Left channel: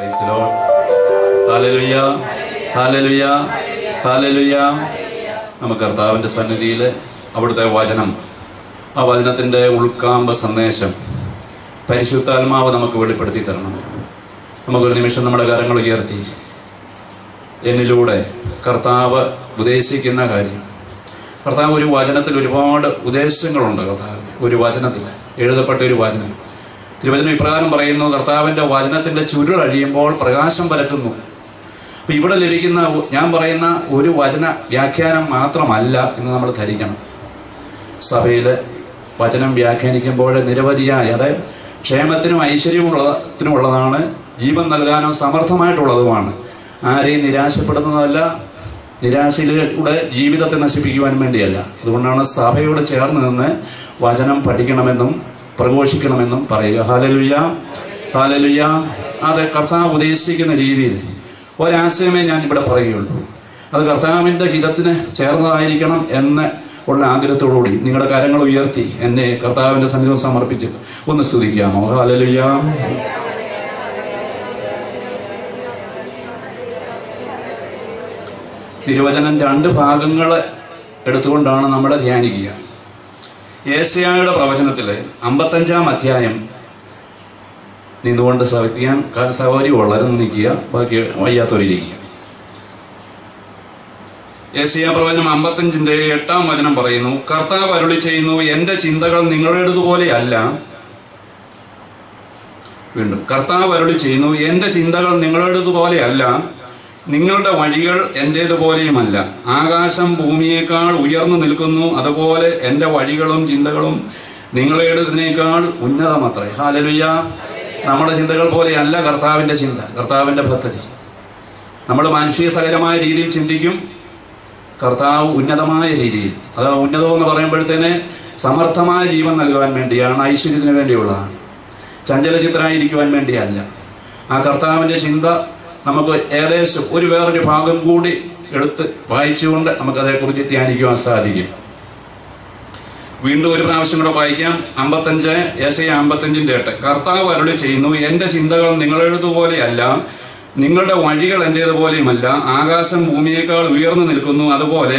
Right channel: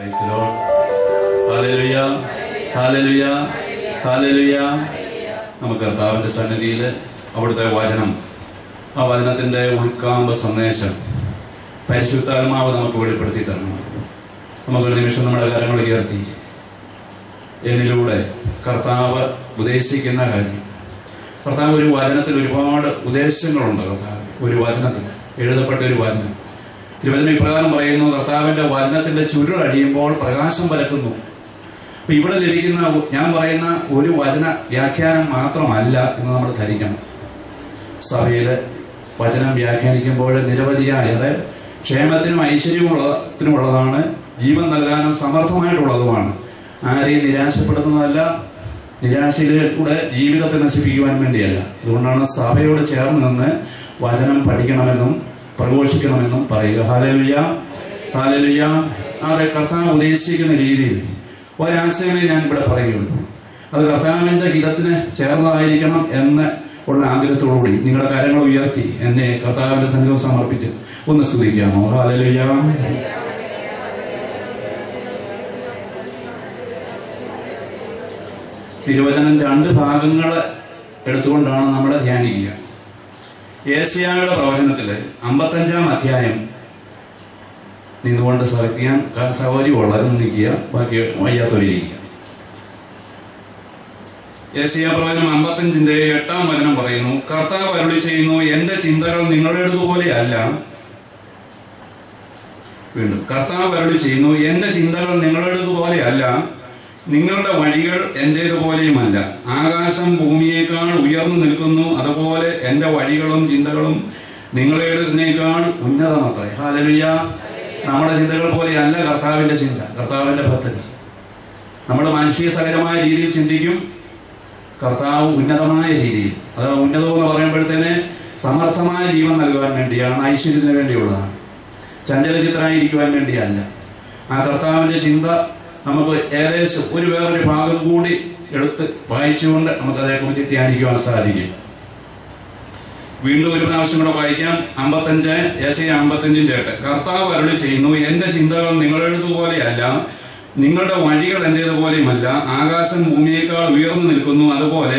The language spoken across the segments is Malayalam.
Praise the Lord. Hallelujah. Hallelujah. Hallelujah. നമുക്ക് കർത്താവിൻ്റെ സന്നിധിയിൽ അവിടുത്തെ വചനം, ആ വചനത്തിൻ്റെ ഉൾക്കാമ്പ സന്ദേശം പരിശുദ്ധാത്മാവ് നമുക്ക് വെളിപ്പെടുത്തി തരണം. നമുക്കൊരു നിമിഷം നമ്മുടെ കരങ്ങൾ ഉയർത്തി എന്നിലൂടെ കർത്താവ് ഉപദേശിക്കുന്ന കാര്യം. കർത്താവ് ഒരു വചനത്തിൽ ഒരുപാട് ഉപദേശങ്ങളുണ്ട്. കർത്താവ് ഒരു വചനത്തിൽ എഴുതപ്പെട്ട ഒരു വചനം. തിരുവചനം ഇപ്രകാരം പറയുന്നു: കർത്താവിൻ്റെ വചനത്തിൻ്റെ ചുരുളഴിയുമ്പോൾ പ്രകാശം പരത്തുന്നു. അപ്പം ഇവിടെ ലഭിക്കുന്ന ഞാൻ പറയുന്ന ഒരു വചന വ്യാഖ്യാനം മാത്രമല്ല എന്ന് നമ്മൾ ധരിക്കണം. സഭയിൽ വചനം വ്യാഖ്യാനിക്കുമ്പോൾ നിരവധിയായ, അതായത് ക്ഷേമത്തിനും ഐശ്വര്യമുള്ളതിനുമുള്ളതാണ്, ജീവൻ നൽകാനും സമർത്ഥമായിട്ടുള്ളതുമാണ്. ആരെയും നിരാശപ്പെടുന്നതല്ല, നിരാശയിലൂടെ ജീവിതത്തെ നശിപ്പിക്കുവാൻ വേണ്ടിയല്ല. അതുകൊണ്ടാണ് സഭയോട് ചേർന്ന് നിന്ന് വചനം പഠിക്കണമെന്നും പ്രഘോഷിക്കണമെന്നും പറയുക. Hallelujah, hallelujah. അത് കർത്താവ് ഉദ്ദേശിക്കുന്ന രീതിയിൽ ഒരാശയമേ ഞാൻ ഇവിടെ പറയുകയുള്ളൂ. അത് കർത്താവിൻ്റെ ഹിതത്തിന് ചേർന്നതായിരിക്കണം എന്ന് ഉള്ള ആഗ്രഹത്തോടുകൂടി നിങ്ങളുടെ കാര്യങ്ങൾ ഉയർത്തി എന്നെ കർത്താവിൻ്റെ സന്നിധിയിൽ സമർപ്പിച്ച് ഒന്ന് സ്തുതിക്കാമോ? ഹല്ലേലൂയ. തിരുവചനം 2 ഭാഗങ്ങൾ എടുത്തുകൊണ്ടാണ് നമ്മൾ ധ്യാനിക്കുക. യെശയ്യായുടെ പ്രവചനത്തിൽ 55-ാം അധ്യായം നിന്നുകൊണ്ട് ശ്രവിക്കാൻ സൗകര്യമുള്ളവർ നിൽക്കുക, ബാക്കി വയ്യാത്തവരിരിക്കുക. യെശയ്യാ പ്രവചനം 55-ന്റെ 8-ാം വചനം പറയുന്നു: കർത്താവ് അരുളി ചെയ്യുന്നു, എന്റെ ചിന്തകൾ നിങ്ങളുടേതുപോലെയല്ല. വീണ്ടും കർത്താവ് അരുളി ചെയ്യുന്നു, എന്റെ ചിന്തകൾ നിങ്ങളുടേതുപോലെയല്ല, നിങ്ങളുടെ വഴികൾ എന്റേതുപോലെയുമല്ല. ആകാശം ഭൂമിയേക്കാൾ ഉയർന്നു നിൽക്കുന്നു, അതുപോലെ എന്റെ വഴികളും ചിന്തകളും നിങ്ങളുടേതിനേക്കാൾ ഉന്നതമത്രേ. ഹല്ലേലൂയ. നമ്മുടെ ചിന്തകൾ പോലെയല്ല കർത്താവിൻ്റെ ചിന്ത, കർത്താവിൻ്റെ പദ്ധതി. നമ്മൾ മാനുഷിക സഹജമായ രീതിയിൽ ചിന്തിക്കും, കർത്താവ് ഉന്നതമായ രീതിയിൽ. അത് ഉന്നതമെന്ന് പറയുമ്പോഴത്തേന് സമർത്ഥമായ ജീവൻ നൽകുവാൻ വേണ്ടിയാണ്, ഐശ്വര്യത്തിന് വേണ്ടിയുള്ളതാണ്, ചഞ്ചലചിത്തരായിരിക്കുവാൻ വേണ്ടിയല്ല. ആ കർത്താവിൻ്റെ ചിന്ത നമുക്ക് ഏകദേശം വേറൊരു ഭാഗം കൂടി എടുത്ത് വായിച്ചുകൊണ്ട് നമുക്കതേക്കുറിച്ച് ധ്യാനിക്കുവാൻ സാധിക്കും. വീണ്ടും ഒരു പ്രാവശ്യം കൂടെ വായിക്കാം. 55 യെശയ്യാ 55-ന്റെ 8. കർത്താവ് അരുളി ചെയ്യുന്നു, എന്റെ ചിന്തകൾ നിങ്ങളുടേതുപോലെയല്ല, നിങ്ങളുടെ വഴികൾ എന്റേതുപോലെയുമല്ല. ആകാശം ഭൂമിയേക്കാൾ ഉയർന്നു നിൽക്കുന്നു, അതുപോലെ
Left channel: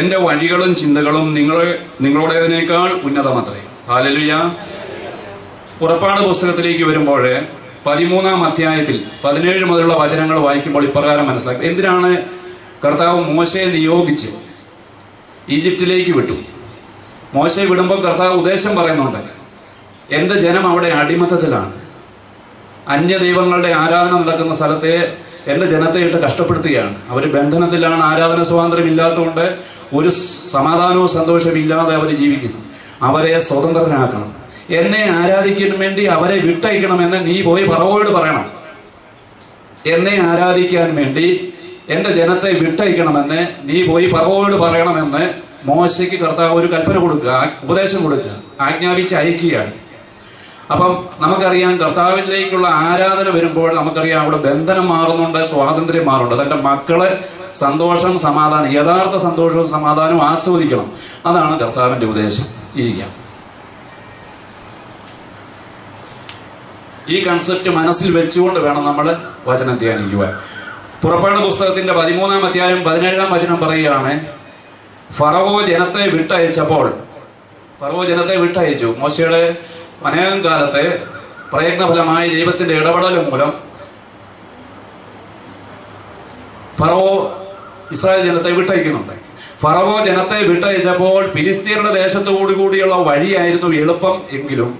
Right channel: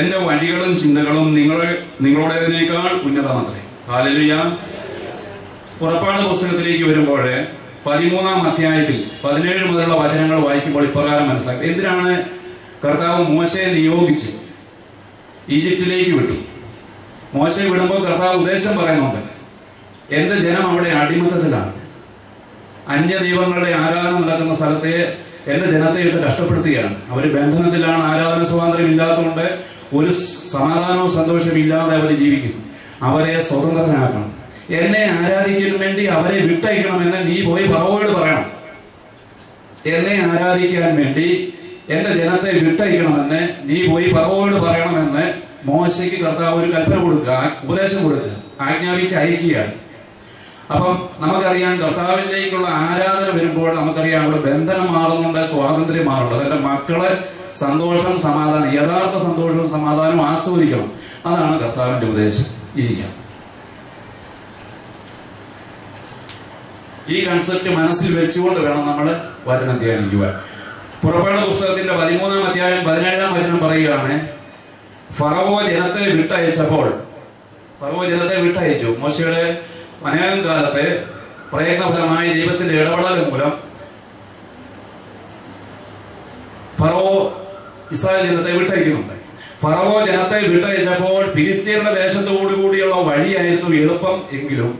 എന്റെ വഴികളും ചിന്തകളും നിങ്ങളുടേതിനേക്കാൾ ഉന്നതമത്രേ. ഹല്ലേലൂയ. പുറപ്പാട് പുസ്തകത്തിലേക്ക് വരുമ്പോൾ 13-ാം അധ്യായത്തിൽ 17 മുതലുള്ള വചനങ്ങൾ വായിക്കുമ്പോൾ ഇപ്രകാരം മനസ്സിലാക്കും. എന്തിനാണ് കർത്താവ് മോശയെ നിയോഗിച്ച് ഈജിപ്തിലേക്ക് വിട്ടു? മോശയെ വിടുമ്പോൾ കർത്താവ് ഉദ്ദേശം പറയുന്നുണ്ട്. എന്റെ ജനം അവിടെ അടിമത്തത്തിലാണ്, അന്യദൈവങ്ങളുടെ ആരാധന നടക്കുന്ന സ്ഥലത്തെ എന്റെ ജനത്തെ ഇട്ട് കഷ്ടപ്പെടുത്തുകയാണ്. അവർ ബന്ധനത്തിലാണ്, ആരാധന സ്വാതന്ത്ര്യം ഇല്ലാത്തതുകൊണ്ട് ഒരു സമാധാനവും സന്തോഷവും ഇല്ലാതെ അവർ ജീവിക്കുന്നു. അവരെ സ്വതന്ത്രരാക്കണം. എന്നെ ആരാധിക്കാൻ വേണ്ടി അവരെ വിട്ടയക്കണമെന്ന് നീ പോയി ഫറവോയോട് പറയണം. എന്നെ ആരാധിക്കാൻ വേണ്ടി എന്റെ ജനത്തെ വിട്ടയക്കണമെന്ന് നീ പോയി ഫറവോയോട് പറയണമെന്ന് മോശയ്ക്ക് കർത്താവ് ഒരു കൽപ്പന കൊടുക്കുക, ഉപദേശം കൊടുക്കുക, ആജ്ഞാപിച്ച് അയക്കുകയാണ്. അപ്പം നമുക്കറിയാം, കർത്താവിലേക്കുള്ള ആരാധന വരുമ്പോൾ നമുക്കറിയാം അവിടെ ബന്ധനം മാറുന്നുണ്ട്, സ്വാതന്ത്ര്യം മാറുന്നുണ്ട്. അതെന്റെ മക്കളെ സന്തോഷം, സമാധാനം, യഥാർത്ഥ സന്തോഷവും സമാധാനവും ആസ്വദിക്കണം. അതാണ് കർത്താവിന്റെ ഉപദേശം. ഇരിക്കാം. ഈ കൺസെപ്റ്റ് മനസ്സിൽ വെച്ചുകൊണ്ട് വേണം നമ്മൾ വചനം ധ്യാനിക്കുവാൻ. പുറപ്പാട് പുസ്തകത്തിന്റെ 13-ാം അധ്യായം 17-ാം വചനം പറയുകയാണ്: ഫറവോ ജനത്തെ വിട്ടയച്ചു. മോശയുടെ അനേകം കാലത്തെ പ്രയത്നഫലമായി ദൈവത്തിന്റെ ഇടപെടൽ മൂലം ഫറവോ ഇസ്രായേൽ ജനത്തെ വിട്ടയക്കുന്നുണ്ട്. ഫറവോ ജനത്തെ വിട്ടയച്ചപ്പോൾ ഫിലിസ്തീനയുടെ ദേശത്തോടുകൂടിയുള്ള വഴിയായിരുന്നു എളുപ്പം. എങ്കിലും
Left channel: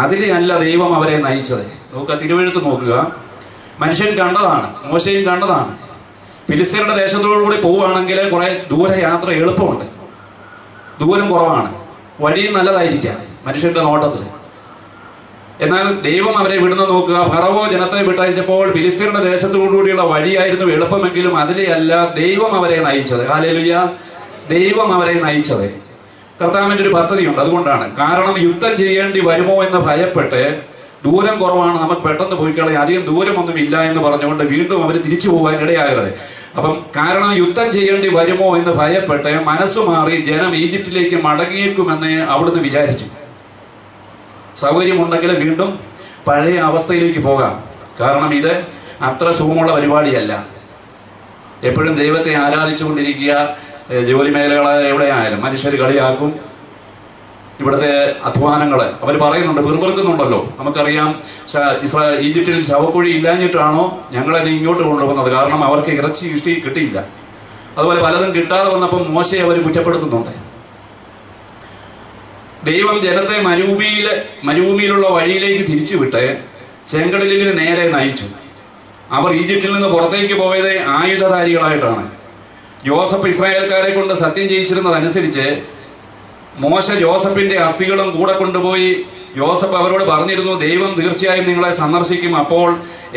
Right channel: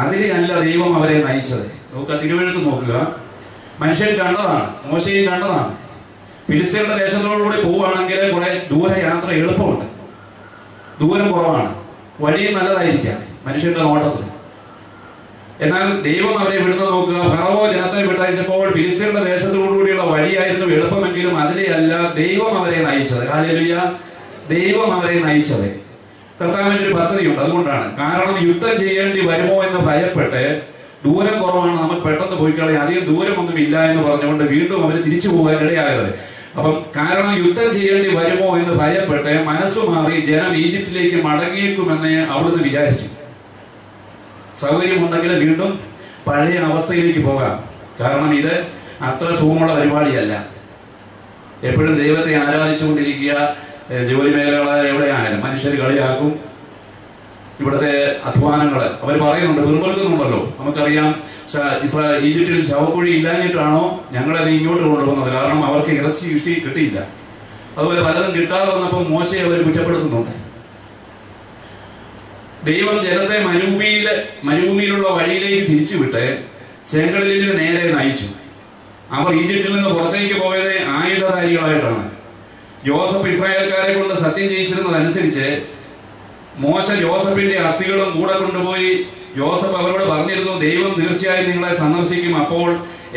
അതിലെയല്ല ദൈവം അവരെ നയിച്ചത്. നോക്കുക, തിരുവെഴുത്ത് നോക്കുക. മനുഷ്യൻ കണ്ടതാണ്, മോശയും കണ്ടതാണ്. ഫിലിസ്തീനയുടെ ദേശത്തോടുകൂടി പോവുകയാണെങ്കിൽ കുറെ ദൂരയാത്ര എളുപ്പമുണ്ട്, ദൂരം കുറവാണ്, വഴിയും നല്ലതായിരിക്കാം മനുഷ്യന്റെ നോട്ടത്തിൽ. എന്നാൽ ദൈവം അവരെ വിടുന്നത് നോക്കുക. ഫറവോ ജനത്തെ വിട്ടയച്ചപ്പോൾ ഫിലിസ്തീനയുടെ ദേശത്തോടുകൂടിയുള്ള വഴിയായിരുന്നു എളുപ്പമെങ്കിലും അതിലെയല്ല ദൈവം അവരെ നയിച്ചത്. ഹല്ലേലൂയ. ദൈവം അവരെ നയിച്ചത്. കർത്താവിന്റെ ഒരു പദ്ധതിയുണ്ട്. അതുകൊണ്ടാണ്. കാരണം യുദ്ധം ചെയ്യേണ്ടി വരുമോ എന്ന് ഭയപ്പെട്ട്, ദൂരം കുറവാണ്, നമുക്ക് പെട്ടെന്ന് പോയി കളയാം, അധികം ദൂരമൊന്നും ഇല്ല എന്ന് പറഞ്ഞുകൊണ്ട് വീണ്ടും അവർ തിരിച്ചു പോകാൻ ഇടയാകരുത്. അപ്പം കാരണം യുദ്ധം ചെയ്യേണ്ടി വരുമോ എന്ന് ഭയപ്പെട്ട് മനസ്സു മാറി ജനം ഈജിപ്തിലേക്ക് മടങ്ങിയേക്കുമെന്ന് അവിടുന്ന് വിചാരിച്ചു. സൗകര്യമുണ്ടെങ്കിൽ വീണ്ടും പഴയ അവസ്ഥയിലേക്ക് പോകാം. കാരണം ഇത് അത്ര സുഖമുള്ള പരിപാടിയല്ല. എപ്പോഴും ദൈവത്തെ ആരാധിച്ചുകൊണ്ടിരിക്കുക. ജോലി മേഖലകളെ എവിടെയായാലും മനുഷ്യർ കളിയാക്കും. ഇവിടുത്തെ അധ്വാനങ്ങൾ അവർ പറയുന്നുണ്ട്, പിറുപിറുക്കുന്നുണ്ടല്ലോ. നമുക്കറിയാം, ഈജിപ്തിൽ ശവക്കുഴി ഇല്ലാഞ്ഞിട്ടാണോ ഞങ്ങളെ ഇങ്ങോട്ട് കൊണ്ടുപോകുന്നത്? കാരണം അവർക്ക് ഇറച്ചി കിട്ടിയില്ല. അതുപോലെ പലതും കിട്ടാതെ വന്നപ്പോൾ മോശയെ അവർ കുറ്റപ്പെടുത്തുന്നുണ്ട്. ദൈവം ജനത്തെ മരുഭൂമിയിലുള്ള വഴിയിലേക്ക് തിരിച്ചുവിട്ട് ചെങ്കടലിന് നേരെ നയിച്ചു. അവർ ഈജിപ്തിൽ നിന്ന് പുറത്തേക്ക് പോയത് ആയുധധാരികളായിട്ടാണ്. ജോസഫ് ഇസ്രായേൽക്കാരെ കൊണ്ട് സത്യം ചെയ്യിച്ചിരുന്നതനുസരിച്ച് മോശ ജോസഫിന്റെ അസ്ഥികളും കൂടെ കൊണ്ടുപോയി. ജോസഫ് അവരോട് പറഞ്ഞിരുന്നു, ദൈവം തീർച്ചയായും നിങ്ങളെ സന്ദർശിക്കും, അപ്പോൾ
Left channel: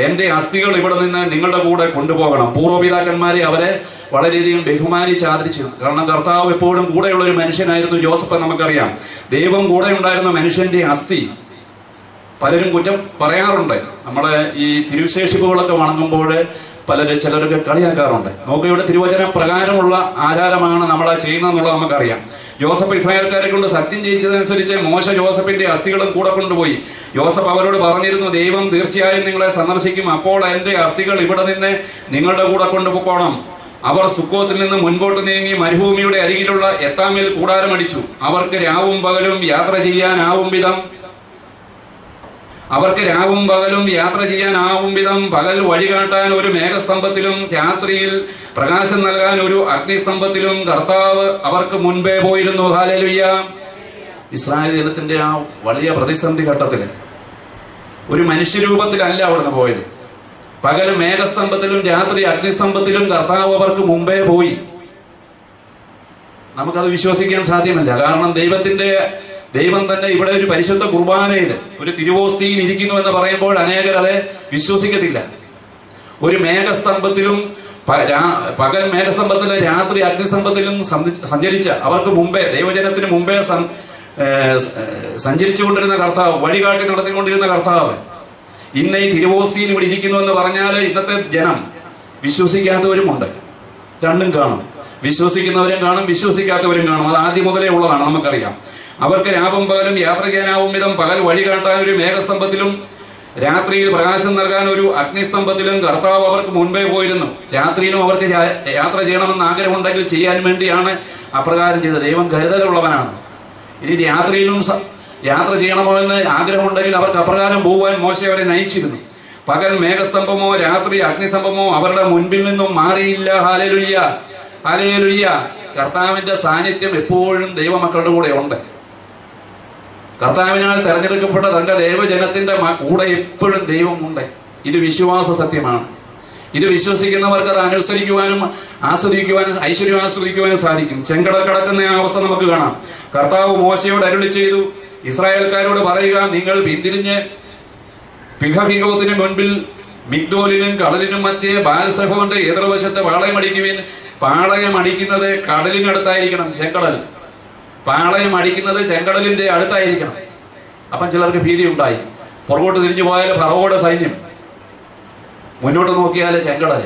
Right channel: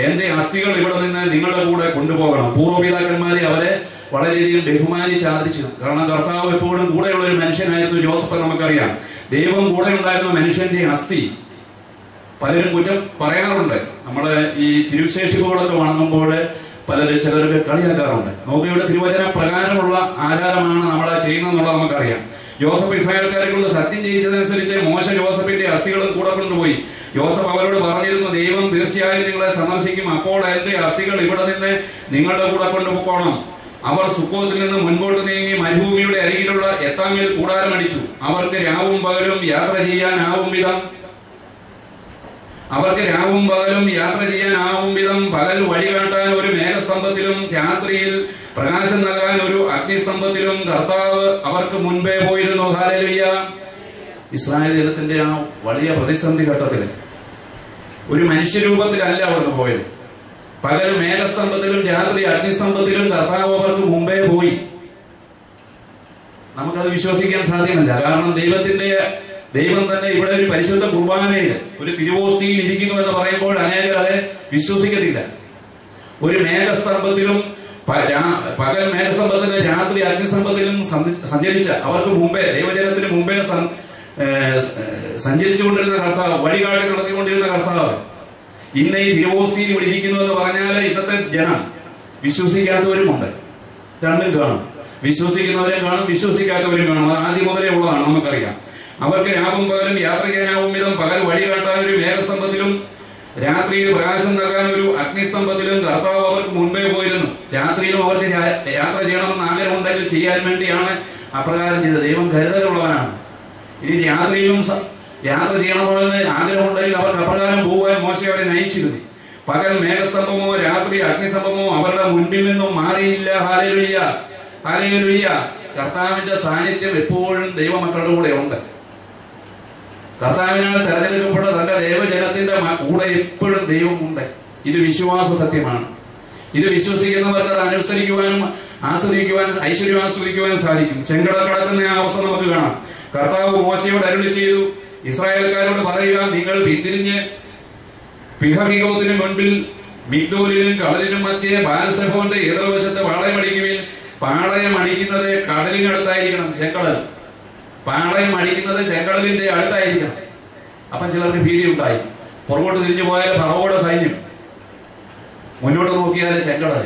എന്റെ അസ്ഥികൾ ഇവിടെ നിന്ന് നിങ്ങളുടെ കൂടെ കൊണ്ടുപോകണം. പൂർവ്വപിതാക്കന്മാരെ അവരെ വളരെയധികം ബഹുമാനിച്ച് ആദരിച്ചു. കാരണം കർത്താവ് എപ്പോഴും കൂടെയുള്ള ഒരു മനുഷ്യനായിരുന്നു ജോസഫ്. നമുക്കറിയാം, ദൈവം കൂടെ ഉണ്ടായിരുന്ന മനുഷ്യന്റെ അസ്ഥി പലരും കുറ്റം പറയാറുണ്ട്. നമ്മള് ഈ തിരുശേഷിപ്പുകളൊക്കെ വണങ്ങുമ്പോൾ ചിലരൊക്കെ കളിയാക്കാറുണ്ട്. നോക്കയുടെ തിരുവചന പ്രകാരമുള്ള ആചാരമാണ് നമ്മളെ ചെയ്യുന്നതെന്നുള്ളത് നമുക്കറിയാം. ജോസഫ് ഇസ്രായേൽക്കാരെ കൊണ്ട് സത്യം ചെയ്യിച്ചതനുസരിച്ച് മോശ ജോസഫിന്റെ അസ്ഥികളും കൂടെ കൊണ്ടുപോയി. ജോസഫ് അവരോട് പറഞ്ഞിരുന്നു, ദൈവം തീർച്ചയായും നിങ്ങളെ സന്ദർശിക്കും, അപ്പോൾ എന്റെ അസ്ഥികൾ ഇവിടെ നിന്ന് നിങ്ങളുടെ കൂടെ കൊണ്ടുപോകണം. അവർ സുക്കോത്തിൽ നിന്ന് മുൻപോട്ട് നീങ്ങി മരുഭൂമിയുടെ അരികിലുള്ള എത്താമിൽ കൂടാരമടിച്ചു. അവർക്ക് രാവും പകലും യാത്ര ചെയ്യാനാവും വിധം പകൽ വഴികാട്ടാൻ ഒരു മേഘസ്തംഭത്തിലും രാത്രിയിൽ പ്രകാശം നൽകാൻ ഒരു അഗ്നിസ്തംഭത്തിലും കർത്താവ് അവർക്ക് മുൻപേ പോയിരുന്നു. ഹല്ലേലൂയ. ഇസ്രായേൽ ജനത്തിന്റെ ആ വലിയ പ്രതിസന്ധി ഘട്ടത്തിൽ ഒരു മനുഷ്യരൂപത്തിലല്ല അവിടുന്ന് പോയത്. പകൽ മേഘസ്തംഭത്തിലും രാത്രി അഗ്നിസ്തംഭത്തിലും കർത്താവ് അവർക്ക് മുമ്പേ പോയി. നമുക്കത് വിശ്വസിക്കാൻ സാധ്യമല്ല. കാരണം ദൈവം തന്നെ ഇവിടെ ഒരു പരിശുദ്ധ കുർബാനയിൽ ഒരു തിരുവോസ്തിയിൽ ഇരിക്കുന്നു എന്ന് പറയുമ്പോൾ അനേകർ അത് വിശ്വസിക്കത്തില്ല. ഒരു മേഘസ്തംഭത്തിലും പകൽ മേഘസ്തംഭത്തിലും രാത്രി അഗ്നിസ്തംഭത്തിലും സഞ്ചരിച്ച അവർക്ക് മുമ്പേ, ദൈവജനത്തിന് മുമ്പേ സഞ്ചരിച്ചുകൊണ്ടിരുന്ന കർത്താവ്, വഴികാട്ടി നടത്തിക്കൊണ്ടിരുന്ന കർത്താവ് ഇന്ന് ഈ തിരുവോസ്തിയിൽ ഇവിടെ ഇരിക്കുന്നു എന്ന് പറഞ്ഞാൽ ഇന്നത്തെ ജനം വിശ്വസിക്കാത്തവരുമുണ്ട്. രണ്ടും കാണും. വിശ്വസിക്കുന്നവരും കാണും, വിശ്വസിക്കാത്തവരും കാണും. അത് ആദ്യം മുതലേ ഉള്ളതാണ്, നമുക്കറിയാം. അവർക്ക് രാവും പകലും യാത്ര ചെയ്യാനാവും വിധം പകൽ വഴി കാട്ടാൻ ഒരു മേഘസ്തംഭത്തിലും രാത്രിയിൽ പ്രകാശം നൽകാൻ ഒരു അഗ്നിസ്തംഭത്തിലും കർത്താവ് അവർക്ക് മുൻപേ പോയിരുന്നു. രാത്രിയിലും അവർക്ക് യാത്ര ചെയ്യണമെന്ന് ആഗ്രഹമുണ്ടെങ്കിൽ ചെയ്യാൻ വേണ്ടിയാണ് അപ്രകാരം ചെയ്തത്. ദൈവം കരുതലുള്ളവനാണ്. ഇനി രാത്രിയിലും യാത്ര ചെയ്യണമെന്ന് ആഗ്രഹമുണ്ടെങ്കിൽ അവർക്ക് അപ്രകാരം പോകാൻ മോശ അവരെ നയിച്ചിരുന്നു. പകൽ മേഘസ്തംഭമോ രാത്രി അഗ്നിസ്തംഭമോ അവരുടെ മുൻപിൽ നിന്നും മാറിയില്ല. Hallelujah, hallelujah. കർത്താവിന്റെ സാന്നിധ്യം എപ്പോഴും ദൈവമക്കളുടെ കൂടെ ഉണ്ട്. കർത്താവിനാൽ തെരഞ്ഞെടുക്കപ്പെട്ട തന്റെ ദൈവജനത്തിന്റെ കൂടെ എപ്പോഴും ദൈവമുണ്ട്. ഇത് വിശ്വാസ സത്യമാണ്. ഇത് വിശ്വസിക്കുന്നവർക്ക് അത് അനുസരിക്കുവാനും ആസ്വദിക്കുവാനും ഐശ്വര്യം ആസ്വദിക്കുവാനും സാധിക്കും. ചെങ്കടൽ കടക്കുന്ന ആ അവസ്ഥ നമുക്ക് കാണാം. കർത്താവ് മോശയോട് അരുളി ചെയ്തു, ഇസ്രായേൽക്കാരോട് പറയുക, നിങ്ങൾ പിന്തിരിഞ്ഞ് പിഹഹിഗോത്തിന് മുൻപിൽ മിഗ്ദോലിനും കടലിനും മധ്യേ ബാൽസെഫോന്റെ എതിർവശത്ത് പാളയമടിക്കുവിൻ. പാളയം അടിക്കുന്നത് കടലിനടുത്തായിരിക്കണം. ചെങ്കടൽ പാളയം അടിക്കുന്നത് ചെങ്കടലിന്റെ അടുത്തായിരിക്കണം. അപ്പം ചിലർക്ക് ഭീതി ഉണ്ടായി. പുറകോട്ട് തിരിഞ്ഞു പോയാൽ ഫറവോയുടെ സൈന്യം, മുന്നോട്ട് നോക്കിയാൽ ചെങ്കടൽ.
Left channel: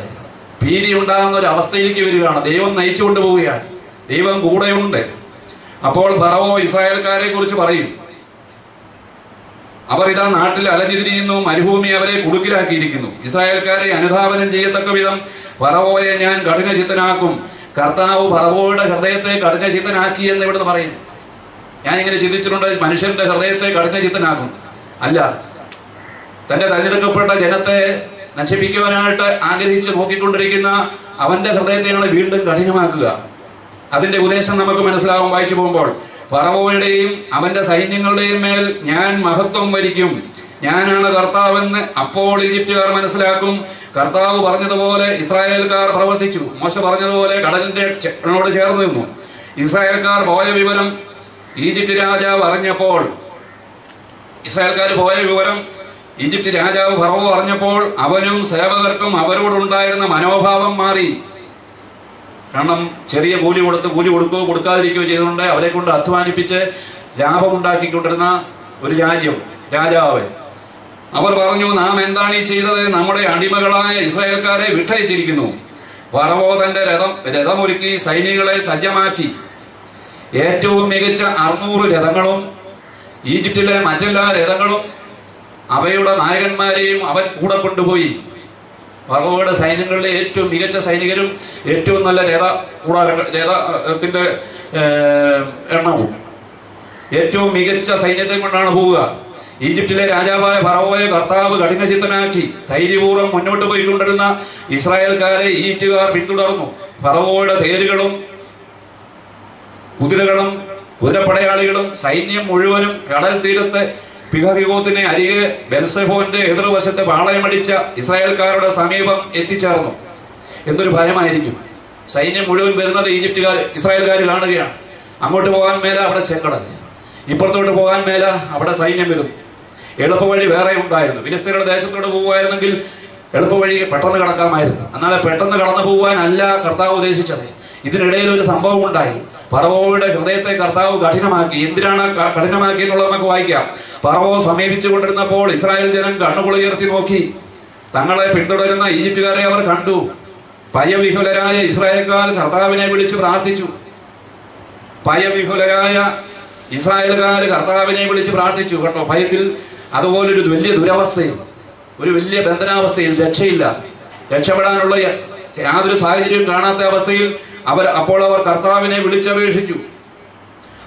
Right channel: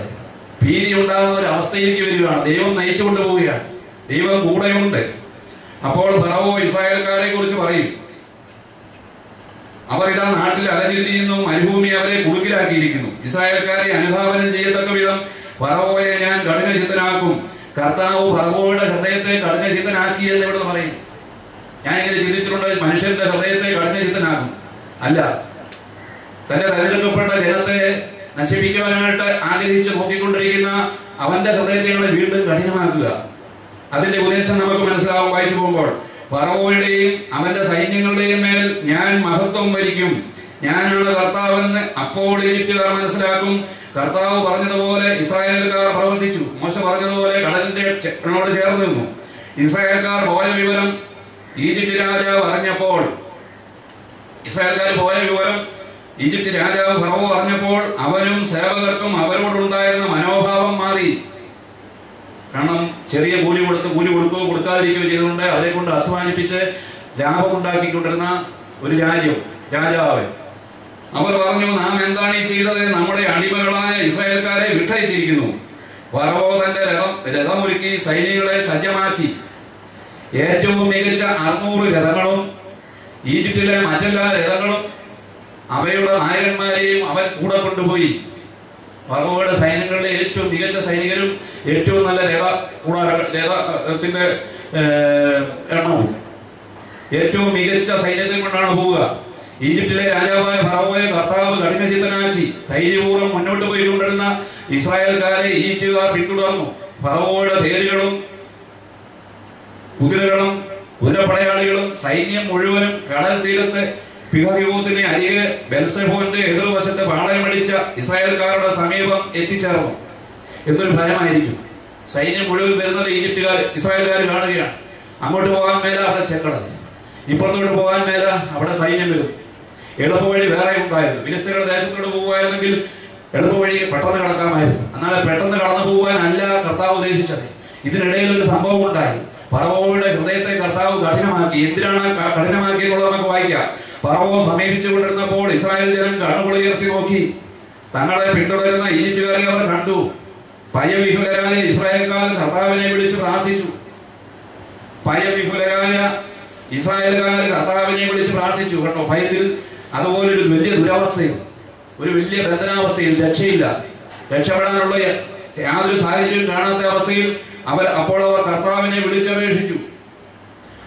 ഭീതി ഉണ്ടാകുന്ന ഒരു അവസ്ഥയിലേക്ക് വരികയാണ്. ദൈവം നയിച്ചുകൊണ്ട് പോവുകയാണ്. ദൈവം കൂടെയുണ്ട്. അപ്പോൾ ഫറവോ ഇസ്രായേൽക്കാരെ കുറിച്ച് പറയും, അവർ ഇതാ നാട്ടിൽ അലഞ്ഞിരിക്കുന്നു, മരുഭൂമി അവരെ കുടുക്കിലാക്കിയിരിക്കുന്നു. ഇസ്രായേൽക്കാരെ അനുധാവനം ചെയ്യത്തക്ക വിധം ഫറവോയെ ഞാൻ കഠിനചിത്തനാക്കും. കർത്താവ് ഫറവോയുടെ ഹൃദയത്തെ കഠിനചിത്തനാക്കി എന്ന് ഇവിടുന്ന് പറയും. ഞാൻ ഇങ്ങനെ ചിന്തിച്ചിട്ടുണ്ട്, മനുഷ്യന്റെ ഹൃദയത്തെ കഠിനചിത്തനാക്കും അല്ല, തന്റെ തെരഞ്ഞെടുക്കപ്പെട്ട ജനത്തെ നശിപ്പിക്കുവാനായിട്ട് ആഗ്രഹിച്ച് നോക്കിക്കൊണ്ടിരിക്കുന്ന അവന്റെ ഹൃദയത്തെയാണ് വീണ്ടും കഠിനമാക്കുക. അതിന്റെ ഉദ്ദേശം നമുക്ക് മനസ്സിലാവും വായിച്ചു പോകുമ്പോൾ. ഫറവോയുടെയും അവന്റെ സൈന്യങ്ങളുടെയും മേൽ ഞാൻ മഹത്വം വരിക്കും, ഞാനാണ് കർത്താവെന്ന് അപ്പോൾ ഈജിപ്തുകാർ മനസ്സിലാക്കും. കർത്താവ് പറഞ്ഞതുപോലെ ഇസ്രായേൽക്കാർ പ്രവർത്തിച്ചു. മോശ പറഞ്ഞതുപോലെ കടലിന്റെ ചേർന്ന് നിന്നു. ഇസ്രായേൽക്കാർ പോയ വിവരം ഈജിപ്ത് രാജാവ് അറിഞ്ഞപ്പോൾ, ഈജിപ്ത് രാജാവ് ഫറവോ അറിഞ്ഞപ്പോൾ അവനും സേവകർക്കും അവരോടുണ്ടായിരുന്ന മനോഭാവം മാറി. കാരണം ചെറിയ കൂലി കൊടുക്കാതിരിക്കുകയോ ചെയ്തുകൊണ്ട് അവരെ കൊണ്ട് അധ്വാനിപ്പിച്ച് ലാഭമുണ്ടാക്കിക്കൊണ്ടിരുന്ന ഒരു രാജാവ്. അവർ പറഞ്ഞു, നാം എന്താണ് ഈ ചെയ്തത്? നമ്മുടെ അടിമകളായ ഇസ്രായേൽക്കാരെ വിട്ടയച്ചിരിക്കുന്നു. ഫറവോ തന്റെ രഥമൊരുക്കി സൈന്യങ്ങളെ സജ്ജമാക്കി. ഏറ്റവും മികച്ച 600 രഥങ്ങളും ഈജിപ്തിലെ മറ്റെല്ലാ രഥങ്ങളും അവയുടെ നായകന്മാരെയും അവൻ കൂടെ കൊണ്ടുപോയി. ഫറവോയുടെ സൈന്യങ്ങളിലെ ഏറ്റവും മികച്ച സൈനികരും ഏറ്റവും നല്ല രഥത്തിന്റെ എണ്ണവും ഏറ്റവും മികച്ച സൈന്യത്തെ കൊണ്ടാണ് പോവുക. ഈജിപ്തിലെ രാജാവായ ഫറവോയെ കർത്താവ് കഠിനചിത്തനാക്കി ധൈര്യപൂർവ്വം മുന്നോട്ട് പോയിക്കൊണ്ടിരുന്ന ഇസ്രായേൽക്കാരെ ഈജിപ്തുകാർ പിന്തുടർന്നു. ഫറവോയുടെ തേരുകളും കുതിരകളും കുതിരപ്പടയാളികളും സൈന്യം മുഴുവനും കടൽ തീരത്തെ പിഹഹിവോത്തിനെ അരികെ ബെൽസെഫോന്റെ എതിർവശത്തെ പാളയമടിച്ച ഇസ്രായേൽക്കാരുടെ സമീപം എത്തിച്ചേർന്നു. എന്തൊരു ഭയമായിരിക്കും! സൈന്യം മുഴുവൻ വരുന്നത് ഇസ്രായേൽക്കാർ കാണുകയാണ്. അങ്ങോട്ട് പോകാൻ മേല അവിടെ ചെക്കടൽ, ഇപ്പുറത്തോട്ട് പോകാൻ മേല അവിടെ സൈന്യം വരുന്നു. എളുപ്പവഴി വേറെ ഉണ്ടായിരുന്നു. ഫിലിസ്തീനയുടെ ദേശത്തോട് പോകുമായിരുന്നെങ്കിൽ എളുപ്പവഴി പെട്ടെന്ന് കടക്കാമായിരുന്നു. എന്നാൽ പെട്ടെന്ന് കടന്നു പോകാനല്ല കർത്താവ് ഉദ്ദേശിച്ചത്. ഇതിനിടയിൽ ഒരു സംഭവം ഉണ്ടായി. ഫറവോയുടെ ഹൃദയത്തെ കർത്താവ് കഠിനമാക്കി. എന്തിനാണ് കഠിനമാക്കി എന്നുള്ളത് നമുക്ക് വായിക്കാം. ഫറവോ സമീപിച്ചു കൊണ്ടിരുന്നപ്പോൾ ഇസ്രായേൽ ജനം കണ്ണുകളുയർത്തി നോക്കി. തങ്ങളെ പിന്തുടരുന്ന ഈജിപ്തുകാരെ അവർ കണ്ടു. ഭയവിഹുലരായ ഇസ്രായേൽക്കാർ കർത്താവിനെ വിളിച്ചു പ്രാർത്ഥിച്ചു. ഭയവിഹുലരായ ഇസ്രായേൽക്കാർ കർത്താവിനെ വിളിച്ച് പ്രാർത്ഥിച്ചു. കേട്ടോ, ഭയത്തിൽ, അതുപോലൊരു വലിയ ദുരവസ്ഥയിൽ, ഒരു വലിയ ബന്ധനാവസ്ഥയിൽ, രക്ഷയില്ല, രക്ഷപ്പെടാനുള്ള യാതൊരു സാഹചര്യവും കാണാത്ത അവസ്ഥയിൽ അപ്പോൾ അവർ കർത്താവിനെ വിളിച്ചപേക്ഷിച്ചു.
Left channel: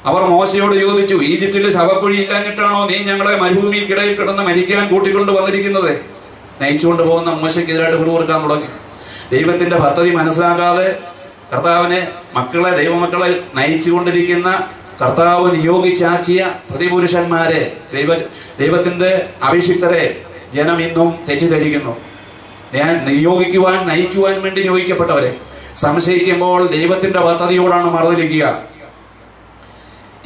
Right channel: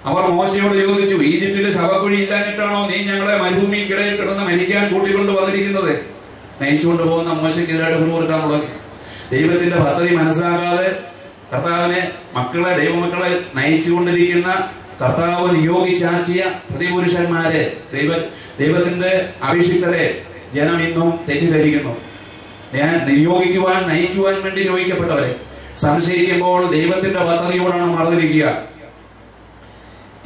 അവർ മോശയോട് ചോദിച്ചു, ഈജിപ്തിൽ ശവക്കുഴി ഇല്ലാഞ്ഞിട്ടാണോ നീ ഞങ്ങളെ മരുഭൂമിക്കിടയിൽ കിടന്ന് മരിക്കാൻ കൂട്ടിക്കൊണ്ട് വന്നിരിക്കുന്നത്? നയിച്ചുകൊണ്ട് പോകുന്ന മോശയ്ക്കെതിരായിട്ട് പിറുപിറുക്കാൻ തുടങ്ങി. ദൈവത്തിന്റെ പദ്ധതി മനസ്സിലാക്കാതെ കർത്താവിനെ ദൈവമക്കളെ നയിച്ചുകൊണ്ടിരിക്കുന്ന കർത്താവ് നിയോഗിച്ചാക്കിയ പ്രതിപുരുഷന്മാരെ, ദൈവത്തിന്റെ അഭിഷിക്തരെ ജനം ഇന്നും തെറ്റിദ്ധരിക്കുന്നു. നയിക്കുവാൻ വേണ്ടി നിയോഗിക്കപ്പെട്ടവരെ സംശയിക്കുമ്പോൾ ദൈവത്തിന്റെ പദ്ധതിയോടാണ് മറന്നിരിക്കുക.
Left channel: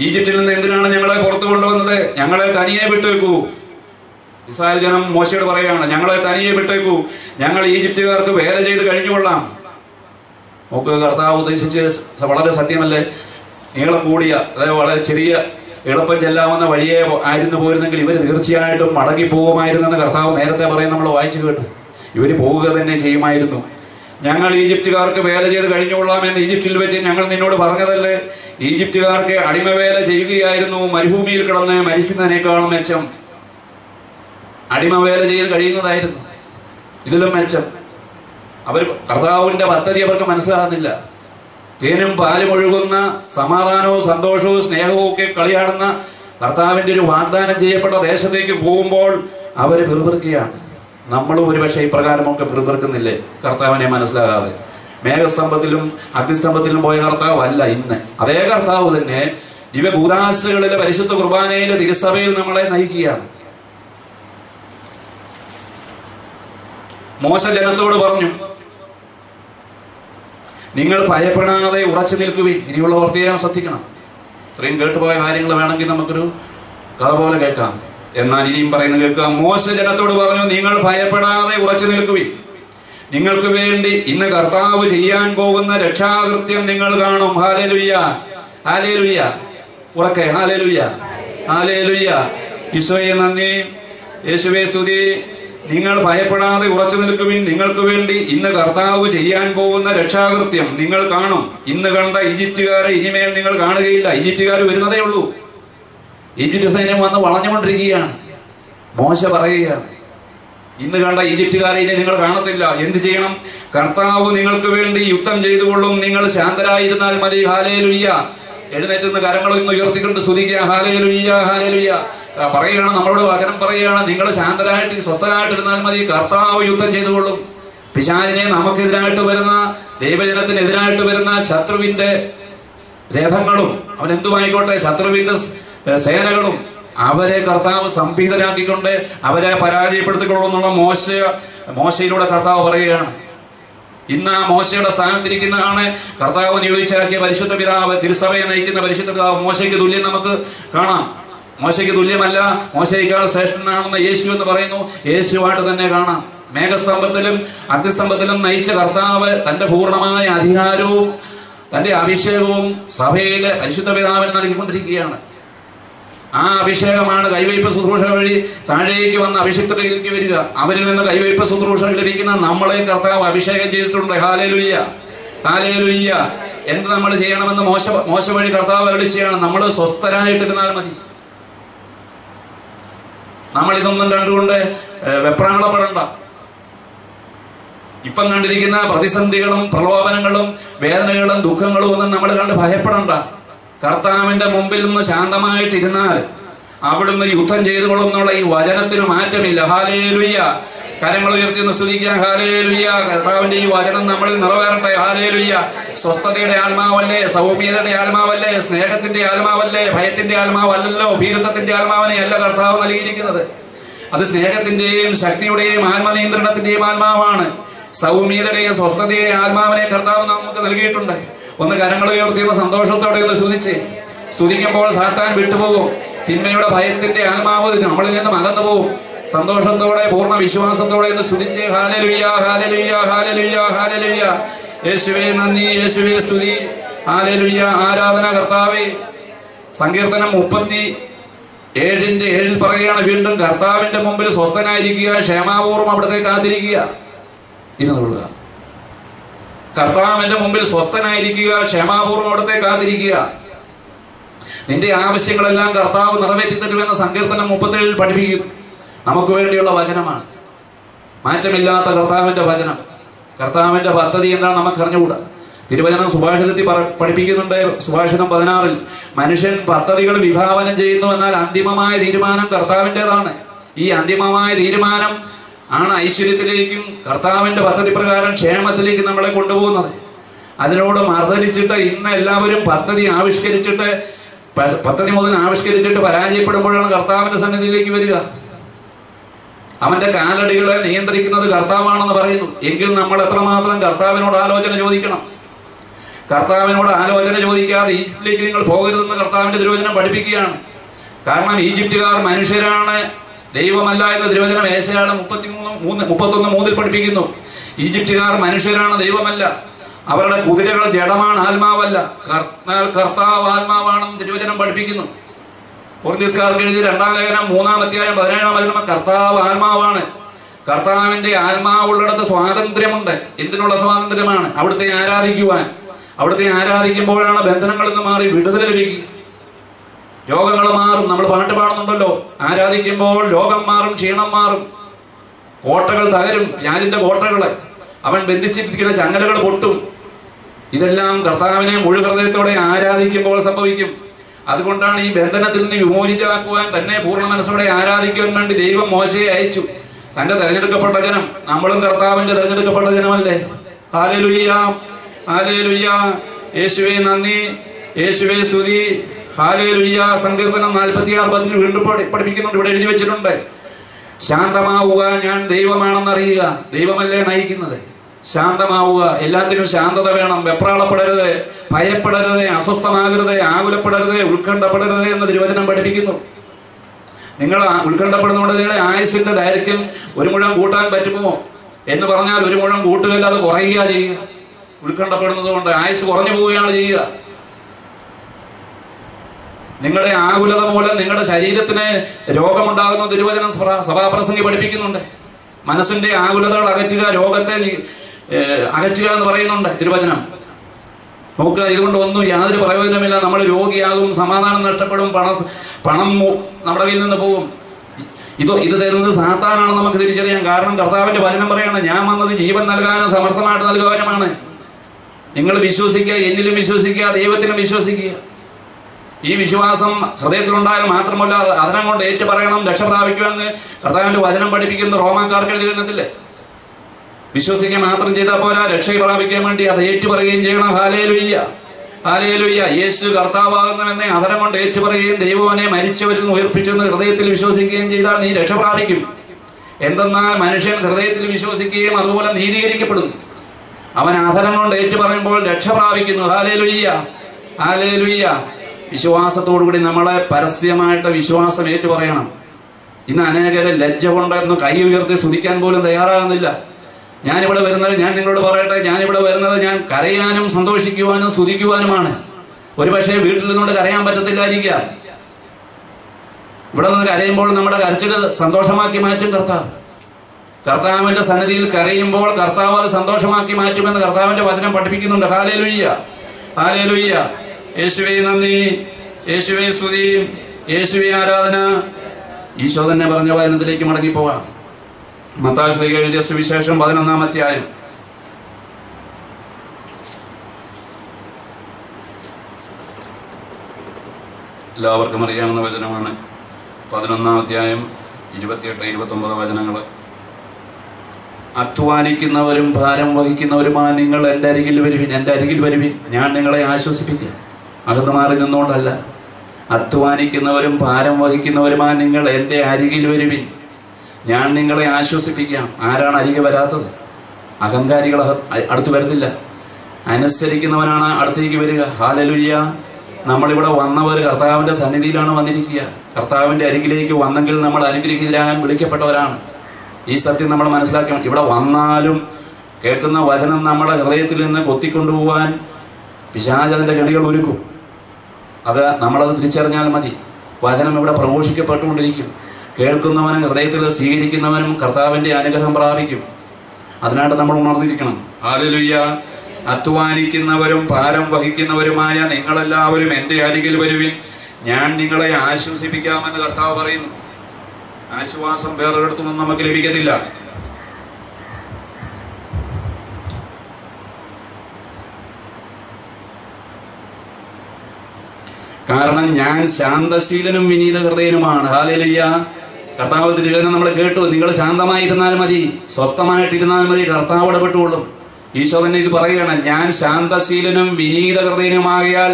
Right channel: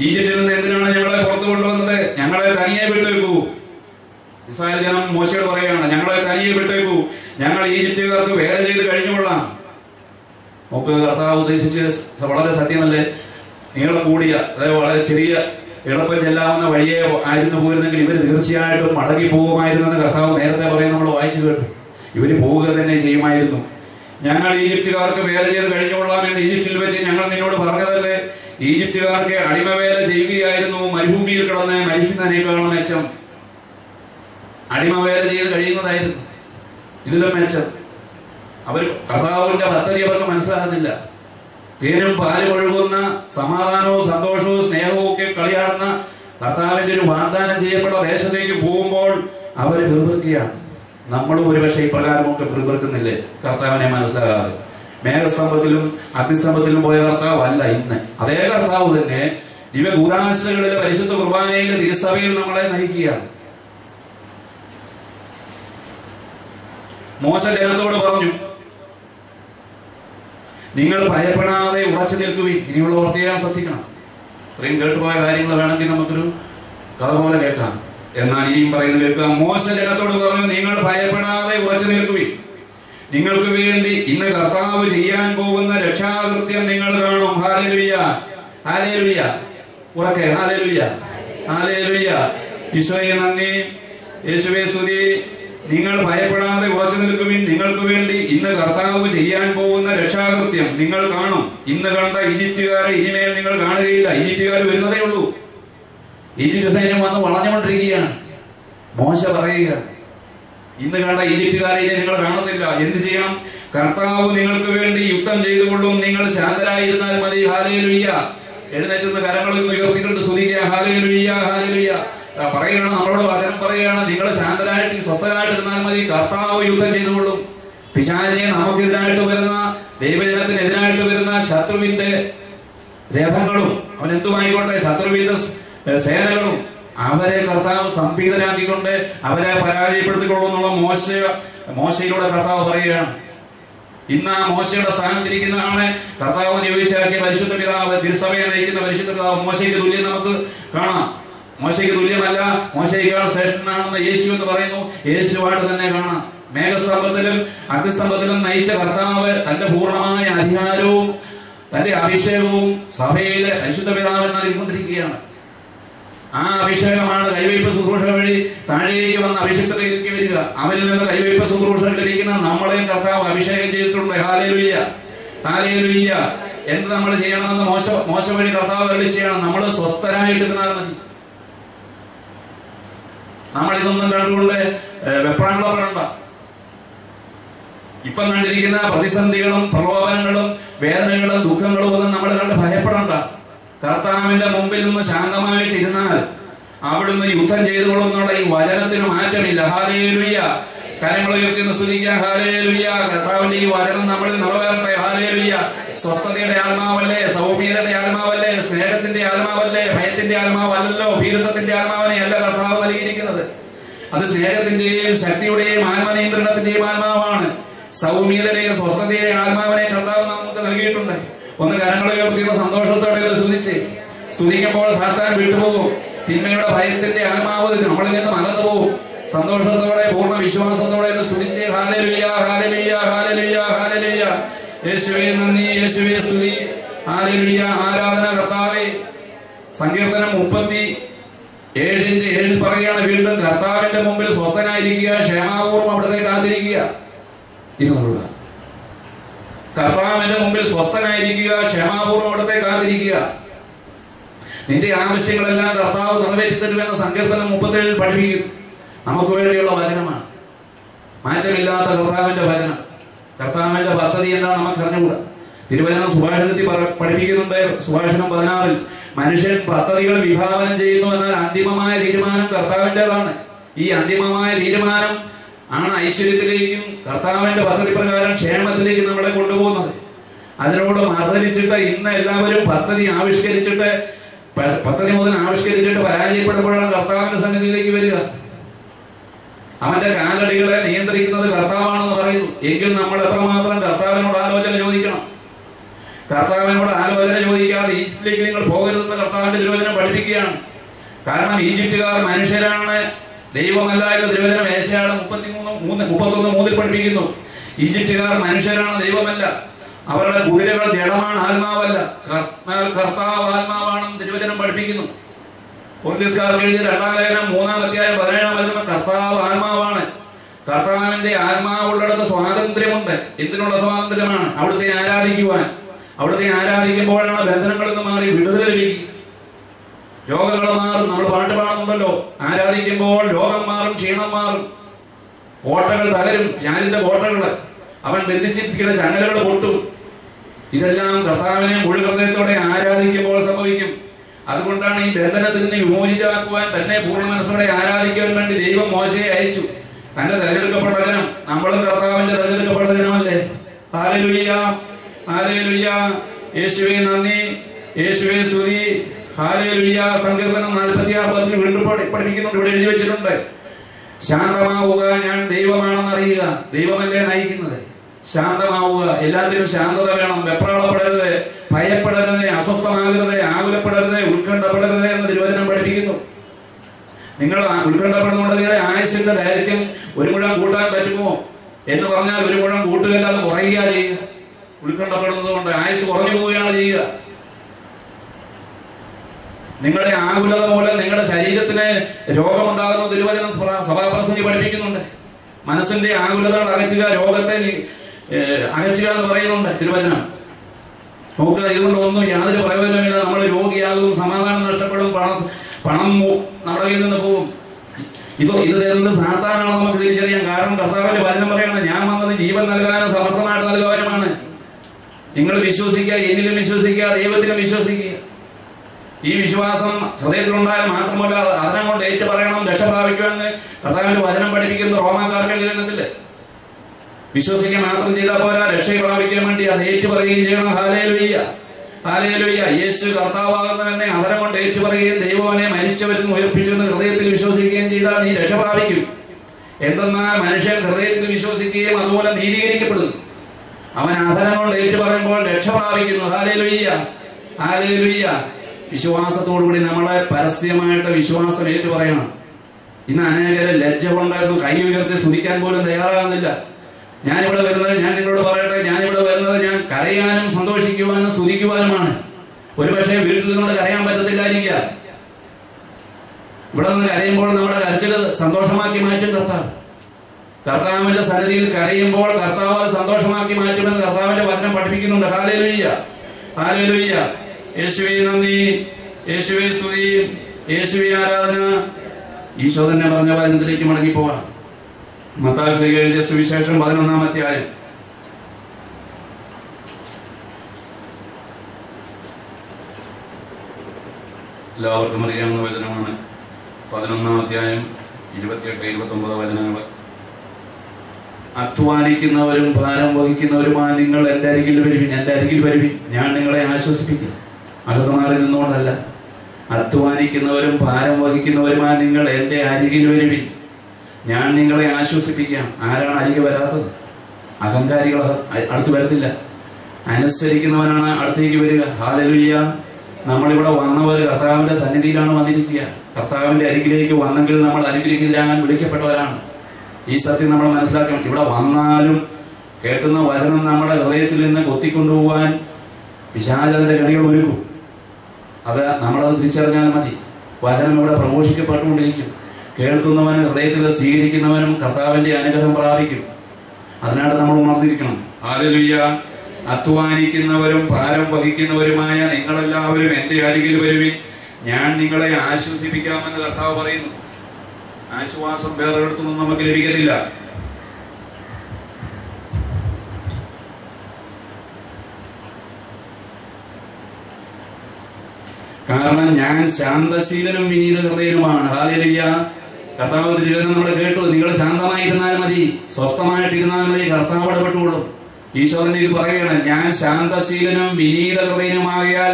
ഈജിപ്തിൽ നിന്ന് എന്തിനാണ് ഞങ്ങളെ പുറത്തു കൊണ്ടുവന്നത്? ഞങ്ങളെ തനിയെ വിട്ടേക്കൂ. ഇസ്രായേൽ ജനം മോശയോട് പറയുകയാണ്, ഞങ്ങളെ തനിയെ വിട്ടേക്കൂ, ഞങ്ങൾ ഈജിപ്തുകാർക്ക് വേല ചെയ്ത് കഴിഞ്ഞുകൊള്ളാം. നമുക്ക് കർത്താവ് ഉദ്ദേശിച്ച് വളരെ സത്യമല്ലേ? നീളം കൂടിയ, അതായത് വളരെ ചെറിയ എളുപ്പം ചെല്ലാവുന്ന വഴിയെ ആയിരുന്നു പോയിരുന്നെങ്കിൽ ഇവർ തീർച്ചയായിട്ടും മടങ്ങിപ്പോകുമായിരുന്നെന്ന് കർത്താവ് നേരത്തെ പറയും, നമ്മൾ വായിച്ചു കേട്ടു. ഇവർ പോവുക തന്നെ ചെയ്യുമായിരുന്നു. ഞങ്ങൾ ഈജിപ്തുകാർക്ക് വേല ചെയ്ത് കഴിഞ്ഞുകൊള്ളാം എന്ന് ഈജിപ്തിൽ വെച്ച് ഞങ്ങൾ നിന്നോട് പറഞ്ഞതല്ലേ? ഈജിപ്തുകാർക്ക് അടിമവേല ചെയ്യുകയായിരുന്നു മരുഭൂമിയിൽ കിടന്ന് മരിക്കുന്നതിനേക്കാളും മെച്ചം. അടിമവേല ചെയ്ത് കഴിയുന്നതായിരുന്നു ഇതിലും മെച്ചം. കർത്താവിന്റെ പദ്ധതി അവർക്ക് മനസ്സിലാകുന്നില്ല. തേനും പാലും ഒഴുകുന്ന സമാധാനവും സന്തോഷവും സ്നേഹവും ഒക്കെ കളിയാടുന്ന കർത്താവിന്റെ ഒരു വാഗ്ദാനം ചെയ്യപ്പെട്ട ദേശത്തേക്ക് പോകുമ്പോൾ അവർ പിറുപിറുക്കുകയാണ്. നമ്മളും ഒരുപക്ഷെ ഇപ്രകാരമൊക്കെ പിറുപിറുക്കുന്നില്ലേ കർത്താവിനെ മനസ്സിലാകാതെ? മേഘസ്തംഭത്തിലും അഗ്നിസ്തംഭത്തിലും പോയ കർത്താവ് അല്ല ഇന്ന്. അതേ കർത്താവ് തന്നെ ദിവ്യകൂദാശകളിലെ പരിശുദ്ധ കുർബാനയിലെ തിരുസഭയിൽ നമ്മളെ നയിക്കുകയാണ്. മോശ ജനത്തോട് പറഞ്ഞു, നിങ്ങൾ ഭയപ്പെടാതെ ഉറച്ചു നിൽക്കുവിൻ. ഇനിയുള്ള പ്രത്യേകം ശ്രദ്ധിക്കണം. ഇത്രയും കേട്ടുപോയ കാര്യങ്ങൾ വേണമെങ്കിൽ നമുക്കൊരു കഥ പോലെ കേൾക്കാം. എന്നാൽ ഇനിയും പറയുന്നത് കേൾക്കാം. മോശ ജനത്തോട് പറഞ്ഞു, നിങ്ങൾ ഭയപ്പെടാതെ ഉറച്ചു നിൽക്കുവിൻ. നിങ്ങൾക്ക് വേണ്ടി ഇന്ന് കർത്താവ് ചെയ്യാൻ പോകുന്ന രക്ഷാകൃത്യം നിങ്ങൾ കാണും. Hallelujah, hallelujah. ഉറക്കെ ഹല്ലേലൂയ, ഹല്ലേലൂയ. ഈശോയെ നന്ദി, യേശുവേ സ്തുതി. നിങ്ങൾ ഭയപ്പെടാതെ ഉറച്ചു നിൽക്കുവിൻ. നിങ്ങൾക്ക് വേണ്ടി ഇന്ന് കർത്താവ് ചെയ്യാൻ പോകുന്ന രക്ഷാകൃത്യം നിങ്ങൾ കാണും. ഇന്ന് കണ്ട ഈജിപ്തുകാരെ ഇനിമേൽ നിങ്ങൾ കാണുകയില്ല. ഈജിപ്തുകാർ വരുന്നതേ ഉള്ളൂ. ഈജിപ്ത് സൈന്യം വന്ന് വളഞ്ഞുകൊണ്ടിരിക്കുകയാണ്. മോശ പറയുകയാണ്, ഇന്ന് കണ്ട ഈജിപ്തുകാരെ ഇനി നിങ്ങൾ കാണത്തില്ല. എന്ത് ചെയ്യണം? കർത്താവ് നിങ്ങൾക്ക് വേണ്ടി യുദ്ധം ചെയ്തുകൊള്ളും. നിങ്ങൾ ശാന്തരായിരുന്നാൽ മതി. ഹല്ലേലൂയ. എഴുന്നേറ്റുന്ന കരങ്ങളൊന്ന് ഉയർത്തിക്കൊണ്ട് സ്തുതിക്കുക. Hallelujah, hallelujah. പറയുകയാണ്, നമ്മളോട് വചനം പറയുകയാണ്, നിങ്ങൾ ശാന്തരായിട്ട് സ്വസ്ഥരായിട്ടിരുന്നാൽ മതി, കർത്താവ് യുദ്ധം ചെയ്തുകൊള്ളും. പിശാചിനെ നമുക്കെതിരായിട്ട് വരുന്ന, ദൈവജനത്തിനെതിരായിട്ട് വരുന്ന ശത്രുവിന്റെ രഥങ്ങളും അവൻ എന്തുമായിക്കോട്ടെ, ശത്രുവിന്റെ സേനകളും, അവരെ കർത്താവ് സംഭീതരാക്കിക്കൊണ്ട് അവരെ പരാജയപ്പെടുത്തിക്കൊള്ളുന്നുള്ള മോശയിലൂടെ കർത്താവ് പറയുകയാണ്. ഇന്ന് ആ മോശയുടെ സ്ഥാനത്തിരിക്കുന്നതാണ് കർത്താവ് നിയോഗിച്ചാക്കിയ പരിശുദ്ധ പിതാവ്, തിരുസഭയെ നയിക്കുന്ന പരിശുദ്ധ പിതാവ്. മോശയ്ക്ക് തുല്യം നമുക്ക് കാണാം. മോശയ്ക്ക് തുല്യമല്ല, മോശയേക്കാൾ ശ്രേഷ്ഠനാണെന്ന് യേശു എന്ന് പറയുന്നു. യേശുവായിട്ട് തന്നെ കാണാം. മേഘസ്തംഭത്തിലും അഗ്നിസ്തംഭത്തിലും നയിച്ച കർത്താവ് തന്റെ പൂർണ്ണമായ അധികാരവും തന്റെ അഭിഷേകവും സഭയിലെ പരിശുദ്ധ പിതാവിന് നൽകിക്കൊണ്ടിരിക്കുകയാണ്. ആ അഭിഷേകമാണ് കൈവയ്പ ശുശ്രൂഷ വഴി താഴേക്ക് വന്ന അഭിഷിക്തത്തിലേക്ക് വരിക. അവരിൽ നിന്ന് കൈവയ്പ ശുശ്രൂഷ ലഭിക്കുന്ന നമ്മളെ കർത്താവ് അഭിഷേകം ചെയ്തിട്ടുണ്ട്. Hallelujah, hallelujah. എന്ത് നമ്മൾ ചെയ്യണമെന്ന് മോശ വഴി കർത്താവ് അരുളി ചെയ്യണം. നമ്മൾ സ്വസ്ഥരായിട്ടിരുന്നാൽ മതി. നമ്മൾ ഇതൊന്നും കണ്ടുകൊണ്ട് വെപ്രാളപ്പെടണ്ട. ഇപ്പം കണ്ടിരിക്കുന്ന പ്രതിസന്ധികളും പ്രലോഭനങ്ങളും വേദനകളും ദുഃഖങ്ങളും ഒന്നും നമ്മൾ കണ്ട് ഭയപ്പെടണ്ട. കർത്താവിന്റെ മുമ്പിൽ നിന്ന് ശാന്തമായിട്ടിരുന്നാൽ അവിടുന്ന് യുദ്ധം ചെയ്തുകൊള്ളുന്നുള്ള ഈ വചനത്തിന് മാറ്റമില്ല. ഹല്ലേലൂയ. കരങ്ങൾ ഉയർത്തി ഒന്ന് സ്തുതിക്കാം. ഹല്ലേലൂയ. കർത്താവിന്റെ ഈ വചനം നമ്മളിൽ നിറവേറട്ടെ. ഹല്ലേലൂയ. സ്വസ്ഥതയുടെ ആത്മാവല്ലേ, സൗമ്യതയുടെ ആത്മാവല്ലേ, സ്നേഹത്തിന്റെ ആത്മാവല്ലേ, ഭയത്തിന്റെ ആത്മാവല്ലോ, ഭീരുത്വത്തിന്റെ ആത്മാവിനെ അല്ല കർത്താവ് നൽകിയിരിക്കുന്നത്. അത് സ്നേഹത്തിന്റെയും ശക്തിയുടെയും ആത്മനിയന്ത്രണത്തിന്റെയും ആത്മാവാണ്. സൗമ്യതയുടെയും സ്വസ്ഥതയുടെയും ആത്മാവിനെ കർത്താവ് നമുക്ക് നൽകിയിട്ടുണ്ട്. ഒന്ന് കരങ്ങൾ ഉയർത്തിയുള്ള സന്തോഷത്തോടെ ഒന്ന് സ്തുതിച്ച്. സ്തുതിക്കുമ്പോൾ സാത്താൻ വിട്ടുപോകും. തിന്മയുടെ ഭയത്തിന്റെ ആത്മാവ് നമ്മളിൽ നിന്നും അകന്നു പോകും. സന്തോഷത്തോടെ പൂർണ്ണ വിശ്വാസത്തോടെ ഒന്ന് സ്തുതിച്ച്. Hallelujah, hallelujah, hallelujah, hallelujah. യേശുവേ നന്ദി, യേശുവേ സ്തുതി. ഹല്ലേലൂയ. ആരാധന കർത്താവേ. സങ്കീർത്തനം 37:7 പറയുകയാണ് വീണ്ടും, കർത്താവിന്റെ മുമ്പിൽ സ്വസ്ഥനായിരിക്കുക, ക്ഷേമാപൂർവ്വം അവിടുത്തെ കാത്തിരിക്കുക. ഇതെന്നുള്ള കർത്താവിന്റെ മുമ്പിൽ സ്വസ്ഥനായിരിക്കുക, ക്ഷേമാപൂർവ്വം അവിടുത്തെ കാത്തിരിക്കുക. നിന്റെ ആവശ്യങ്ങളെല്ലാം കർത്താവ് നിറവേറ്റി തരുമെന്ന സങ്കീർത്തനം 37 പഠിപ്പിക്കുന്നു. നമുക്ക് വേണ്ടിയുള്ള വചനമാണ്. മാറ്റമില്ലാത്ത കർത്താവിന്റെ വചനം. കർത്താവിന്റെ പദ്ധതി എന്താണ് നമുക്ക് അറിഞ്ഞുകൂടാ. തിരുവചനം സുഭാഷിതത്തിൽ പഠിപ്പിക്കുന്നുണ്ട്. സുഭാഷിതം 16 മനുഷ്യൻ പദ്ധതികൾ വിഭാവനം ചെയ്യുന്നു, എന്നാൽ അന്തിമമായ തീരുമാനം കർത്താവിൻ്റെതാണ്. ഈ അന്തിമമായ തീരുമാനം ആണ് ഐശ്വര്യത്തിലേക്കും കർത്താവിന്റെ പദ്ധതി പ്രകാരം ക്ഷേമത്തിലേക്കും നമ്മളെ കൊണ്ടുപോകുന്നത്. അതിനോട് മർദ്ദനിച്ചിട്ട് ഇന്ന് എല്ലാവരും പദ്ധതി മുതൽ ആവിഷ്കരിച്ചിട്ട് പരാജയപ്പെടുമ്പോഴാണ് കർത്താവിന്റെ സന്നിധിയിലേക്ക് വരിക. അവന്റെ കാലടികളെ നിയന്ത്രിക്കുന്നത് കർത്താവാണെന്ന് പറയുന്നു. എങ്കിൽ നമ്മൾ എത്രമാത്രം കർത്താവിനോട് ആലോചന ചോദിക്കണം. കർത്താവിനോട് ആലോചന ചോദിക്കാതെ ഈജിപ്തിലേക്ക് നിങ്ങൾ പോകരുതെന്ന് കർത്താവിന്റെ തിരുവചനം പഠിപ്പിക്കുകയാണ്. കാരണം ഈജിപ്തുകാർ മനുഷ്യരാണ്, ദൈവമല്ല എന്ന് തിരുവചനം ഏശയ്യാ 31:3 പഠിപ്പിക്കുന്നു. ഈജിപ്തുകാർ മനുഷ്യരാണ്, ദൈവമല്ല. അവരുടെ കുതിരകൾ ജഡമാണ്, ആത്മാവല്ല. കർത്താവ് ആത്മാവാണെന്ന് തിരുവചനം പഠിപ്പിക്കുന്നു. കൊരിന്ത്യക്കാർക്ക് എഴുതിയ 2-ാം ലേഖനം 3-ാം അധ്യായം 17-ാം വചനം കർത്താവ് ആത്മാവാണ്. കർത്താവിന്റെ ആത്മാവുള്ളിടത്ത് സ്വാതന്ത്ര്യമുണ്ട്. എന്തിനുള്ള സ്വാതന്ത്ര്യമാണ്? അവിടുത്തെ ആരാധിക്കുവാൻ. അവിടുത്തെ ആരാധിക്കുമ്പോഴാണ് ബന്ധനങ്ങളിൽ നിന്ന് മാറി വിടുതൽ ലഭിക്കുക. രോഗങ്ങൾ മാറും. നമ്മൾ പാട്ട് പാടുന്നുണ്ടല്ലോ, ആരാധിക്കുമ്പോൾ രോഗം മാറും, ക്ഷീണം മാറും, കോട്ടകൾ തകരും, വ്യാജിന്റെ കോട്ടകള്, അവൻ ബന്ധിച്ചിരിക്കുന്ന ചങ്ങലകൾ പൊട്ടും. ഇതെല്ലാം കർത്താവിനെ മുഴു ഹൃദയത്തോടെ ആരാധിക്കുമ്പോൾ സംഭവിക്കും. അതുകൊണ്ടാണ് ഈ ബന്ധനത്തിൽ നിന്ന് വിമോചിതമാക്കുവാൻ തന്നെ പൂർണ്ണ മനസ്സോടെ ആരാധിക്കുവാൻ വേണ്ടി ദൈവം മോശയെ അയച്ചു. തന്റെ തെരഞ്ഞെടുക്കപ്പെട്ട ജനം. നമ്മളും കർത്താവിന്റെ തെരഞ്ഞെടുക്കപ്പെട്ട ജനമല്ലേ? Hallelujah, hallelujah. യേശുവേ നന്ദി, യേശുവേ സ്തുതി. ഹല്ലേലൂയ. സങ്കീർത്തനം 46:10 വീണ്ടും പഠിപ്പിക്കുന്നുണ്ട്. ഇവിടെ എഴുതി വെച്ചിട്ടുണ്ട്, ശാന്തമാവുക, ഞാൻ ദൈവമാണെന്നറിയുക. ദൈവമല്ലേ നയിക്കുന്നത്? ശാന്തമാവുക. എല്ലാത്തിനും ശാന്തത വേണം. വെപ്രാളപ്പെടരുത്, ഭയപ്പെടരുത്, അസ്വസ്ഥമാകരുത്, ആകുലപ്പെടരുത്, ഉത്കണ്ഠപ്പെടരുത് എന്ന് തിരുവചനം പഠിപ്പിക്കുന്നു. നിങ്ങൾ ഉത്കണ്ഠപ്പെടുന്നതുകൊണ്ട് നിങ്ങളുടെ ആയുസ്സിന്റെ ദൈർഘ്യം 1 മുഴം കൂട്ടാൻ പറ്റുമോ എന്ന് പറഞ്ഞാൽ 1 മുഴം കൂട്ടുകയില്ല, അത് കുറയുക ചെയ്യുക. ഉത്കണ്ഠപ്പെടുന്നത് കൊണ്ട് ആയുസ് കുറഞ്ഞു പോവുകയാണ് ചെയ്യുക. നിങ്ങളുടെ ആകുലത മൂലം നിങ്ങളുടെ ശരീരത്തിന് രോഗമുണ്ടാകുന്ന തിരുവചനം സഭാപ്രസംഗി പഠിപ്പിക്കുന്നുണ്ട്. മനസ്സിന്റെ ആകുലതകൾ അകറ്റുക, രോഗത്തെ അകറ്റുക എന്ന് പറയുന്നുണ്ട് തിരുവചനം. നോക്കുക, ഇതുകൊണ്ട് ഒന്നും യാതൊരു പ്രയോജനമില്ല. നമ്മൾ രോഗിയാകും, സമാധാനം നഷ്ടപ്പെടും, പണം നമ്മുടെ കയ്യിൽ നിന്ന് പോകും. ഇത് തരുന്നത് സാത്താനാണെന്ന് നമുക്ക് തിരിച്ചറിയാം. കാരണം കർത്താവിന്റെ വചനം പറയണം, ഞാൻ വന്നത് ജീവൻ നൽകാനും സമർത്ഥമായിട്ട് നൽകുവാനുമാണ്. നിങ്ങൾ വിശ്വസിക്കുക, എന്നിലും വിശ്വസിക്കുക, ദൈവത്തിലും വിശ്വസിക്കുക. ഈ വിശ്വാസം ഹൃദയത്തിലുണ്ടായാൽ മാത്രമല്ല, അതിനം കൊണ്ട് ഏറ്റു പറയണം, രക്ഷ പ്രാപിക്കുമെന്ന് കർത്താവിന്റെ വചനം പഠിപ്പിക്കുന്ന റോമാക്കാർക്ക് എഴുതിയിരുന്നില്ലേ? വിശ്വസിക്കുക മാത്രം ചെയ്താൽ പോരാ, രക്ഷ പ്രാപിക്കാൻ വേണ്ടി അത് ഏറ്റു പറയുകയും ചെയ്യണം. Hallelujah, hallelujah. യേശു കർത്താവാകുന്നുവെന്ന് അതിനം കൊണ്ട് ഏറ്റു പറയുകയും ദൈവവനെ മരിച്ചവരിൽ നിന്ന് ഉയർപ്പിച്ചെന്ന് ഹൃദയത്തിൽ വിശ്വസിക്കുകയും ചെയ്താൽ നീ രക്ഷ പ്രാപിക്കും. എന്തെന്നാൽ മനുഷ്യൻ ഹൃദയത്തിൽ വിശ്വസിക്കുകയും അതുപോലെ നീതീകരിക്കപ്പെടുന്നു. അവൻ ആധാരം കൊണ്ട് ഏറ്റു പറയുമ്പോൾ രക്ഷ പ്രാപിക്കുന്നു. Hallelujah, hallelujah. വിശ്വാസത്തോടുകൂടി നമ്മളെ പരസ്യമായിട്ട് വിശ്വാസം ഏറ്റു പറയണം. ഇന്ന് അനേകരെ ലജ്ജ കൊണ്ടായിരുന്നു കൈ ഉയർത്തി സ്തുതിക്കാൻ പോലും തയ്യാറാകുന്നില്ല. ഞാനിവിടെ വരുന്നത്, ഞാൻ നിങ്ങളോട് പറയട്ടെ, ഞാനിവിടെ വരുന്നത് ഞാൻ കരയാനും സന്തോഷിക്കുവാനും സ്തുതിക്കുവാനുമാണ്. ഒരുപക്ഷെ വീട്ടിൽ നിന്നുകൊണ്ട് കരയാൻ പറ്റത്തില്ലായിരിക്കാം. ഇവിടെ നിന്ന് കരയുമ്പോൾ നമ്മുടെ കരച്ചിൽ സന്തോഷമാക്കി മാറ്റും കർത്താവ്. കർത്താവിന്റെ സന്നിധിയിൽ കരയുമ്പോൾ കർത്താവ് അത് സന്തോഷമാക്കി മാറ്റുമെന്ന് കർത്താവിന്റെ വചനം പഠിപ്പിക്കുന്നുണ്ട്. Hallelujah, hallelujah. യേശുവേ നന്ദി, യേശുവേ സ്തുതി, യേശുവേ ആരാധന. ഈശോ തന്നെ പറഞ്ഞ വചനത്തിലേക്ക് മടങ്ങിപ്പോവാം. മത്തായി എഴുതിയ സുവിശേഷം 11-ാം അധ്യായം എല്ലാവർക്കും അറിയാവുന്ന വചനമാണ്. 11-ാം അധ്യായം 28-29 വചനങ്ങൾ. അധ്വാനിക്കുന്നവരും ഭാരം വഹിക്കുന്നവരുമായ നിങ്ങൾ എൻ്റെ അരികിൽ വരുവിൻ, ഞാൻ നിങ്ങളെ ആശ്വസിപ്പിക്കാം. അകന്നു മാറി നിന്നുകൊണ്ടല്ല. അധ്വാനിക്കുന്നവരും ഭാരം വഹിക്കുന്നവരുമായ നിങ്ങൾ എൻ്റെ അരികിൽ വരുവിൻ, ഞാൻ നിങ്ങളെ ആശ്വസിപ്പിക്കാം. ആരാണ് അരികെ വരാത്തത്? അഹങ്കാരികൾ അടുത്ത് വരത്തില്ല. അനുസരിക്കുന്നവനാണ് അടുത്തേക്ക് വരിക. ഹല്ലേലൂയ. നമ്മളിവിടെ വന്നവർ കർത്താവിന്റെ സന്നിധിയിലാണ് വന്നിരിക്കുക. കർത്താവിന്റെ അരികിലേക്ക് വന്നെങ്കിൽ നമ്മൾ അനുഗ്രഹിക്കലാകാൻ വിളിക്കപ്പെട്ടവരാണ്. ഈ സത്യം നമ്മൾ മനസ്സിലാക്കണം. ഇവിടെ വന്നാലും കേൾക്കുന്ന വചനം നമ്മുടെ ഹൃദയത്തിൽ നിന്ന് കൊത്തിക്കൊണ്ടുപോകാൻ പിശാചിന്റെ കെണികൾ ഒരുക്കും. നമ്മളത് തിരിച്ചറിഞ്ഞാൽ മതി. വചനം ഇവിടെ പ്രഘോഷിക്കപ്പെട്ടുകൊണ്ടിരിക്കും. കേൾക്കുന്നവനും ഹൃദയത്തിൽ സ്വീകരിക്കുന്നവനും കർത്താവിന്റെ അനുഗ്രഹം പ്രാപിക്കും. അതിനായിട്ട് നമ്മൾ ഉണർന്നിരിക്കണം. ഹല്ലേലൂയ. അധ്വാനിക്കുന്നവരും ഭാരം വഹിക്കുന്നവരുമായ നിങ്ങളെല്ലാവരും എൻ്റെ അരികിൽ വരുവിൻ, ഞാൻ നിങ്ങളെ ആശ്വസിപ്പിക്കാമെന്ന് കർത്താവ് പറയുന്നു. ആശ്വാസം വേറൊരിടത്തുനിന്നും നമുക്ക് ലഭിക്കത്തില്ല. കാരണം ഞാൻ ശാന്തശീലനും വിനീത ഹൃദയനുമാണ്. ഹല്ലേലൂയ. കർത്താവ് തിരുവചനം നമ്മൾ കേട്ടു. നിങ്ങൾ ശാന്തമായിരുന്നാൽ മതി, സ്വസ്ഥമായിട്ടിരുന്നാൽ മതി, കർത്താവ് ഇടപെട്ടുകൊള്ളും. ഈശോ തന്നെ ഇത് പറയുകയാണ്, ഞാൻ ശാന്തശീലനും വിനീത ഹൃദയനുമാകിയാൽ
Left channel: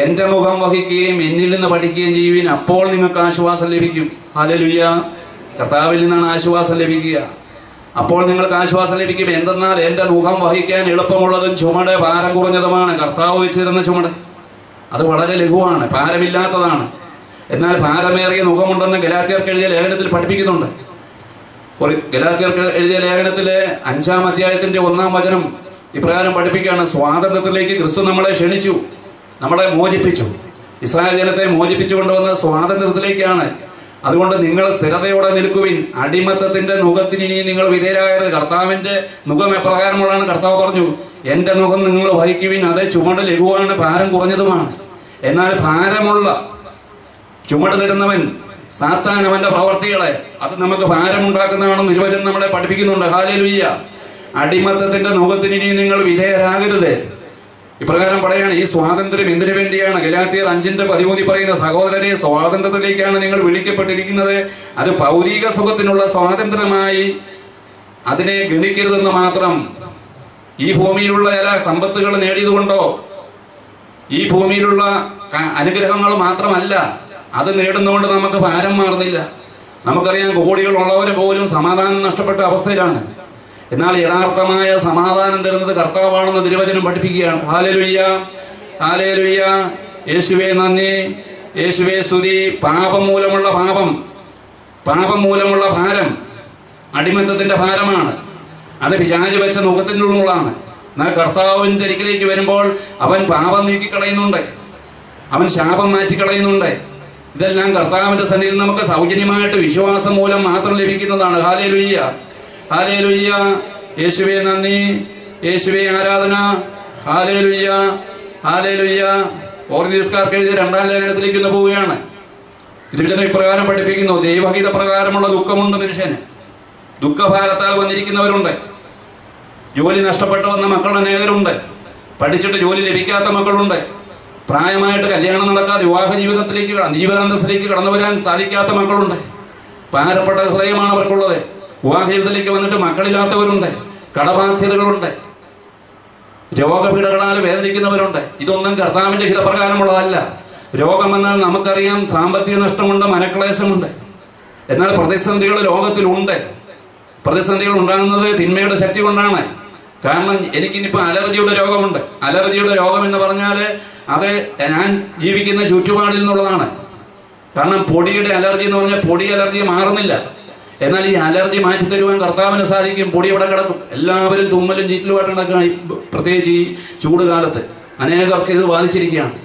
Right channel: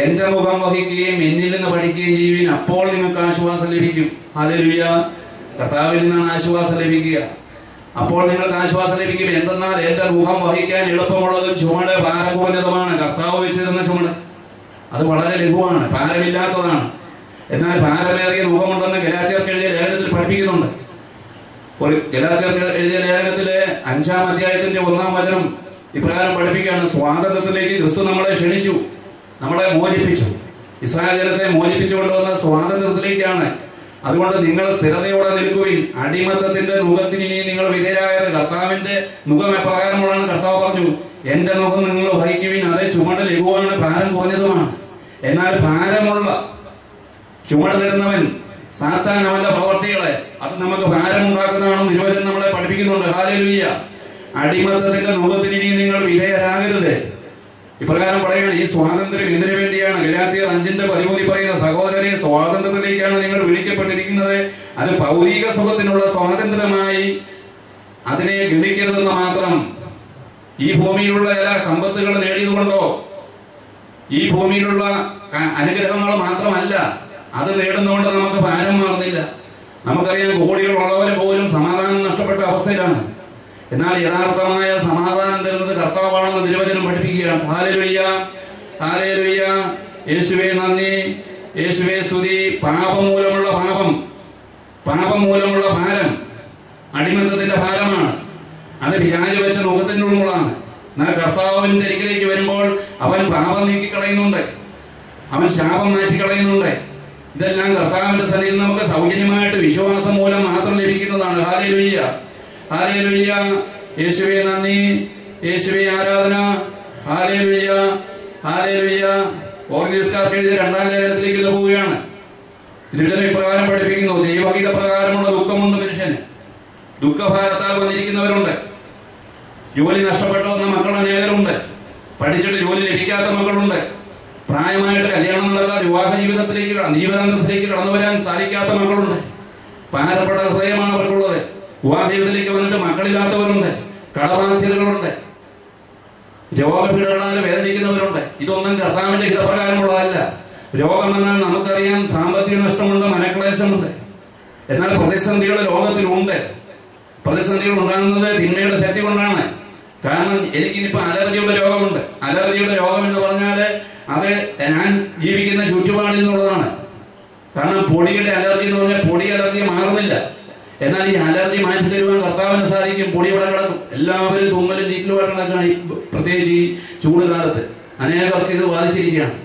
എന്റെ മുഖം വഹിക്കുകയും എന്നിൽ നിന്ന് പഠിക്കുകയും ചെയ്യുവിൻ, അപ്പോൾ നിങ്ങൾക്ക് ആശ്വാസം ലഭിക്കും. ഹല്ലേലൂയ. കർത്താവിൽ നിന്നാണ് ആശ്വാസം ലഭിക്കുക. അപ്പോൾ നിങ്ങൾക്ക് ആശ്വാസം ലഭിക്കും. എന്തെന്നാൽ എന്റെ മുഖം വഹിക്കാൻ എളുപ്പമുള്ളതും ചുമട് ഭാരം കുറഞ്ഞതുമാണ്. കർത്താവ് വെച്ചിരുന്ന ചുമട് അത് വളരെ ലഘുവാണ്, ഭാരമില്ലാത്തതാണ്. എന്നാൽ ഭാരമേറിയ മുഖമുണ്ടെന്ന് ഗലാത്യർക്ക് എഴുതിയ ലേഖനത്തിൽ പഠിപ്പിക്കുന്നുണ്ട്. ഗലാത്യർക്ക് എഴുതിയ ലേഖനത്തിലെ 5-ാം അധ്യായത്തിന്റെ 1-ാം വചനം ഇപ്രകാരം പഠിപ്പിക്കുകയാണ്: സ്വാതന്ത്ര്യത്തിലേക്ക് ക്രിസ്തു നമ്മളെ ക്ഷണിച്ചു, നമ്മളെ മോചിപ്പിച്ചു. ഇസ്രായേൽ ജനത്തെ മോചിപ്പിച്ചു കൊണ്ടുവന്ന സ്വാതന്ത്ര്യത്തിലേക്കാണ്. അതുകൊണ്ട് നിങ്ങൾ സ്ഥിരതയോടെ നിൽക്കുവിൻ. അടിമത്തത്തിന്റെ നുഖത്തിന് ഇനി നിങ്ങൾ വിധേയരായത്. കർത്താവിന്റെ നുഖം എപ്രകാരമുള്ളതാണ്? കർത്താവ് പറഞ്ഞു, എന്റെ നുഖം നിങ്ങൾ വഹിക്കുവിൻ, അത് ചുമട് ലഘുവാണ്, ഭാരം കുറഞ്ഞതുമാണ്. എന്നാൽ ഭാരമുള്ള ചുമട് തരുന്നവൻ സാത്താൻ, അവന്റെ പ്രവർത്തികളെ അത് നമുക്ക് ഭാരമുണ്ടാക്കുന്നതാണെന്ന് നിർവചനം നമ്മളെ പഠിപ്പിക്കുന്നുണ്ട്. ഹല്ലേലൂയ. അടിമത്തത്തിന്റെ നുഖത്തിന് ഇനി നിങ്ങൾ വിധേയരാകരുത്. ഇപ്രകാരം പറയുകയാണ്. ഈ സ്വാതന്ത്ര്യം എന്തിനു വേണ്ടിയാണ്? ഗലാത്യർ 5:13 പറയുന്ന, സഹോദരരെ, സ്വാതന്ത്ര്യത്തിലേക്കാണ് നിങ്ങൾ വിളിക്കപ്പെട്ടിരിക്കുന്നത്. അത് ഭൗതിക സുഖത്തിനുള്ള സ്വാതന്ത്ര്യമായി അതിനെ ഗണിക്കരുതെന്ന് മാത്രം. ഈ ഭൂമിയിലുള്ള എല്ലാ സമ്പത്തുകൾ നേടിയതുകൊണ്ടോ ഈ ഭൂമിയിലുള്ള അനുഗ്രഹങ്ങൾ മാത്രമല്ല അത് നേടുന്നതുകൊണ്ട് നമുക്ക് ഭാരം മാറുന്നില്ല. നമുക്കറിയാം, കോടികൾ ഉള്ളവരെ പോലും സമാധാനം നഷ്ടപ്പെട്ട അവസ്ഥയിലാണ്. എന്നാൽ യഥാർത്ഥമായ സമാധാനം തരുന്നത് കർത്താവാണെന്ന് തിരുവചനം പഠിപ്പിക്കുകയാണ്. ഹല്ലേലൂയ. ഹല്ലേലൂയ. യേശുവേ നന്ദി, യേശുവേ സ്തുതി. പാപം മൂലമുള്ള ഭാരം അടിമത്തത്തിന്റെ ഭാരമാണ്. അത് പിശാച് വെച്ച നുഖത്തിനുള്ളതാണ്. എന്നാൽ കർത്താവിന്റെ അരികിലേക്ക് വരുമ്പോൾ അവൻ പാപം നീക്കിക്കളയുന്നുണ്ട്, അവൻ ശാപം മാറ്റിക്കളയുന്നുണ്ട്. ഇതെല്ലാം കർത്താവിന്റെ സന്നിധിയിൽ നമുക്ക് സൗജന്യമായിട്ട് വിശ്വാസം മൂലം മാത്രം ലഭിക്കുന്നതാണ്. ഹല്ലേലൂയ. ഹല്ലേലൂയ. യേശുവേ നന്ദി, യേശുവേ ആരാധന. ഹല്ലേലൂയ. ഹല്ലേലൂയ. ഓർഗീസ്കാർക്ക് എഴുതിയ 2-ാം ലേഖനത്തിലേക്ക് ഇന്ന് പോവുകയാണ്. തിരുവചനം ഇപ്രകാരം പഠിപ്പിക്കുന്നു: ദൈവഹിത പ്രകാരമുള്ള ദുഃഖമുണ്ട് മനുഷ്യന്. ദുഃഖഭാരത്താൽ വന്നിരിക്കുന്നവരുണ്ട്. ജോലി നഷ്ടപ്പെട്ടു വന്ന മക്കൾ അനേകരുണ്ട്. പഠിച്ചിട്ട് ജോലി ലഭിക്കാത്ത മക്കളുണ്ട്. പ്രായമായിട്ട് കല്യാണം നടക്കാതെ വിവാഹ ജീവിതാന്തസ്സിലേക്ക് കടന്നു വരാൻ സാധിക്കാത്ത മക്കളുണ്ട്. ഭാരപ്പെട്ട ഹൃദയമാണ് അവർക്കുള്ളത്. വിവാഹ ജീവിതത്തിലേക്ക് വന്നിട്ട് മക്കളില്ലാത്തവരുണ്ട്. കടബാധ്യതകളുണ്ട്. രോഗപീഠകളാൽ വേദനിക്കുന്നവരുണ്ട്. ഇതൊന്നും കർത്താവിന്റെ ഹിതപ്രകാരമുള്ളതല്ല. രോഗമെന്നാൽ നമുക്കറിയാം, സാമ്പത്തിക നഷ്ടമുണ്ട്, മനക്ലേശമുണ്ട്. എന്നാൽ പ്രതിസന്ധികൾ ലോകത്തിലുണ്ട്. പ്രതിസന്ധികൾ ഉണ്ടാകുന്നത് തിന്മയുടെ ശക്തി കൊണ്ടാണ്. കാരണം എനിക്കിനിപ്പോ അലർജിയുടെ രോഗമുണ്ട്. അലർജിയുടെ രോഗം എന്ന് പറഞ്ഞാൽ അത് ഞാൻ ജീവിക്കുന്ന ചുറ്റുപാടിൽ നിന്നുള്ളതാണ്. കാരണം പൊടിയുടെ അലർജി എന്ന് പറഞ്ഞാൽ പൊടി അലർജി മാറുന്നില്ല. എന്നാൽ ഈ അലർജി മാറ്റി തരുവാൻ കർത്താവിന് സാധിക്കും. പൊടി ഇവിടെ കിടക്കും. എല്ലാവരും തുമ്മലും ചീറ്റലുമായിട്ട് നടക്കുകയാണ്. പ്രത്യേകിച്ച് ഈ ചൂട് കാലത്ത് അനേകർക്ക് ഇത് ബാധിച്ചിരിക്കുകയാണ്.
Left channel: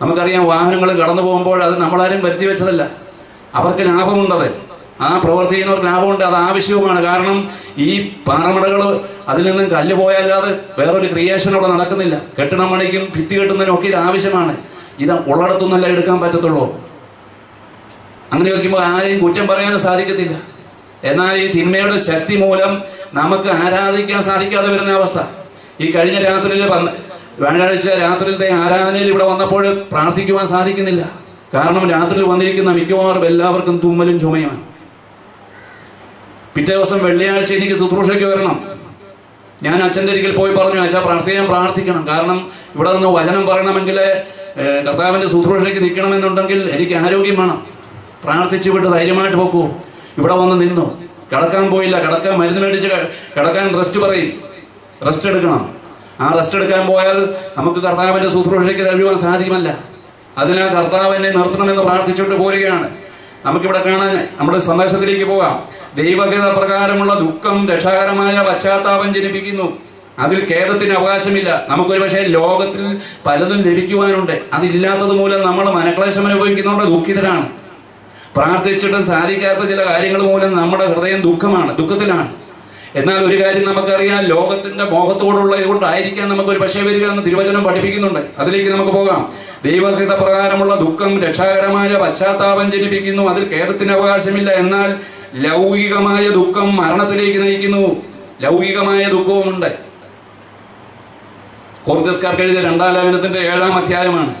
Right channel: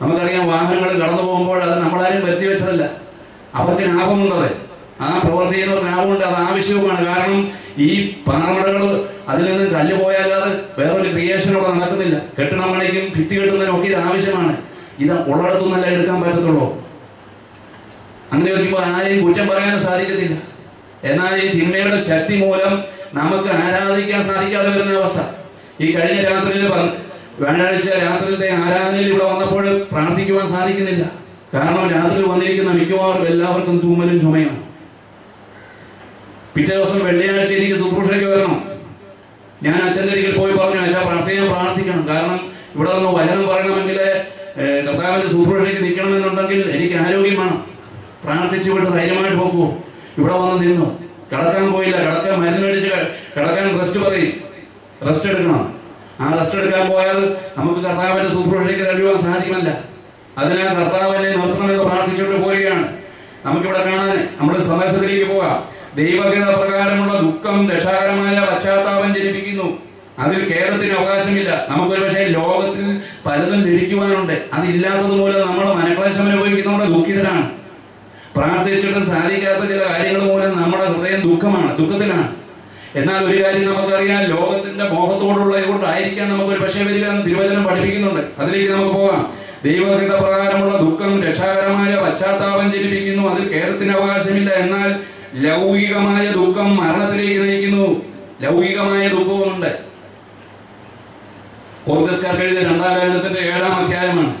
നമുക്കറിയാം, വാഹനങ്ങൾ കടന്നു പോകുമ്പോൾ അത് നമ്മളാരും വരുത്തി വെച്ചതല്ല. അവർക്ക് ലാഭമുണ്ടത്. ആ പ്രവർത്തിക്കുന്നവർക്ക് ലാഭമുണ്ട്. അത് ആവശ്യവുമാണ്. കാരണം ഈ പാറമടകൾ അതിൽ നിന്നും കല്ല് പോയല്ലാതെ വേറൊരു ക്രിയേഷൻ അവിടെ നടക്കുന്നില്ല. കെട്ടിടം പണിക്കും ഭിത്തി കെട്ടുന്നതിനും ഒക്കെ ഇത് ആവശ്യമാണ്. ഇത് ഉള്ളിടത്തുനിന്നല്ല എടുക്കാൻ പറ്റത്തുള്ളൂ. അങ്ങനെ വയ്ക്കുമ്പോൾ ആരെയും കുറ്റം പറയാനും സാധിക്കത്തില്ല. എന്നാൽ ഈ തിന്മയുടെ ശക്തി മൂലം നമുക്ക് ആരാധിക്കാൻ സാധിക്കാതെ വരുന്ന അവസ്ഥ. ഈ കഴിഞ്ഞ രാത്രിയിൽ വ്യാഴാഴ്ച രാത്രിയിലത്തെ ആരാധനയിൽ ഇവിടെ വന്നപ്പോൾ പ്രാർത്ഥിക്കുവാൻ സാധിക്കുന്നില്ല. കാരണം രാത്രി വന്നിരിക്കുന്ന മിക്കവാറും എല്ലാവർക്കും തുമ്മലും ചുമയാണ്. പിറ്റേ ദിവസം വെള്ളിയാഴ്ച എനിക്ക് ശുശ്രൂഷയ്ക്ക് വരണം. ഞാൻ അച്ഛൻ്റെ ഒരിക്കൽ പോയി പറഞ്ഞു, അച്ഛാ പ്രാർത്ഥിക്കണം. കാരണം ഇവിടെ നിന്ന് വചനം പറയണമെങ്കിൽ കർത്താവിന്റെ ശുശ്രൂഷയ്ക്ക് നിൽക്കണമെന്നുണ്ടെങ്കിൽ എനിക്ക് ആരോഗ്യം വേണം. പ്രാർത്ഥിച്ചു വിട്ട് ധൈര്യമായിട്ട് പോക്കൂ. ഇവിടെ വന്ന് നിന്നു. കിടക്കാൻ പോയില്ല. കിടക്കാൻ മരുന്ന് മേടിച്ച് കിടക്കാൻ റെസ്റ്റ് എടുക്കണം. ആ റെസ്റ്റ് എടുക്കാൻ പോയാൽ നമുക്ക് കർത്താവിന്റെ ശുശ്രൂഷയ്ക്ക് കഴിയുവാൻ സാധിക്കുമല്ല. അതിനാൽ കർത്താവിനെ നിർത്തണമെന്ന് പ്രാർത്ഥിച്ചുകൊണ്ട് പോരുകയാണ്. നമുക്കിവിടെ കാണാൻ നമ്മുടെ സന്ദേശത്തിലേക്ക് പോകാം. ദൈവഗത പ്രകാരമുള്ള ദുഃഖം രക്ഷാകരമായ പശ്ചാത്താപം ജനിപ്പിക്കുന്നു. അതിൽ ഖേദത്തിന് അവകാശമില്ല. നമുക്കൊരു പക്ഷേ ലോകത്തിൽ പലതും ലഭിക്കുവാനുണ്ട്. അതില്ലാത്തത് മൂലം നമ്മൾ മനക്ലേശം അനുഭവിക്കുന്നതുകൊണ്ട് ദുഃഖിതരാണ്. പ്രാർത്ഥിച്ചിട്ടും സാധിക്കാത്ത ചില കാര്യങ്ങൾ മൂലം നമ്മുടെ ഹൃദയം ദുഃഖത്തിലാണ്. എന്നാൽ ഒരു കാര്യം നമുക്കറിയാം, ലോകത്തിന്റെ മോഹത്തോടുള്ള ഇതുകൊണ്ടായിരിക്കാം നമുക്കൊരു പക്ഷേ വരിക എന്ന് തിരുവചനം പഠിപ്പിക്കുന്നുണ്ട്. അതിലേക്ക് നമുക്ക് പോകാം. ദൈവഹിത പ്രകാരമുള്ള ദുഃഖം രക്ഷാകരമായ പശ്ചാത്താപം ജനിപ്പിക്കുന്നു. അതിൽ ഖേദത്തിന് അവകാശമില്ല. എന്നാൽ ലൗകികമായ ദുഃഖം മരണത്തിലേക്ക് നയിക്കുന്നു. ലൗകികമായ ദുഃഖവുമുണ്ട്. കൊറിന്ത്യസ്കാർക്ക് എഴുതിയ 2-ാം ലേഖനത്തിന്റെ 7-ാം അധ്യായമാണ്.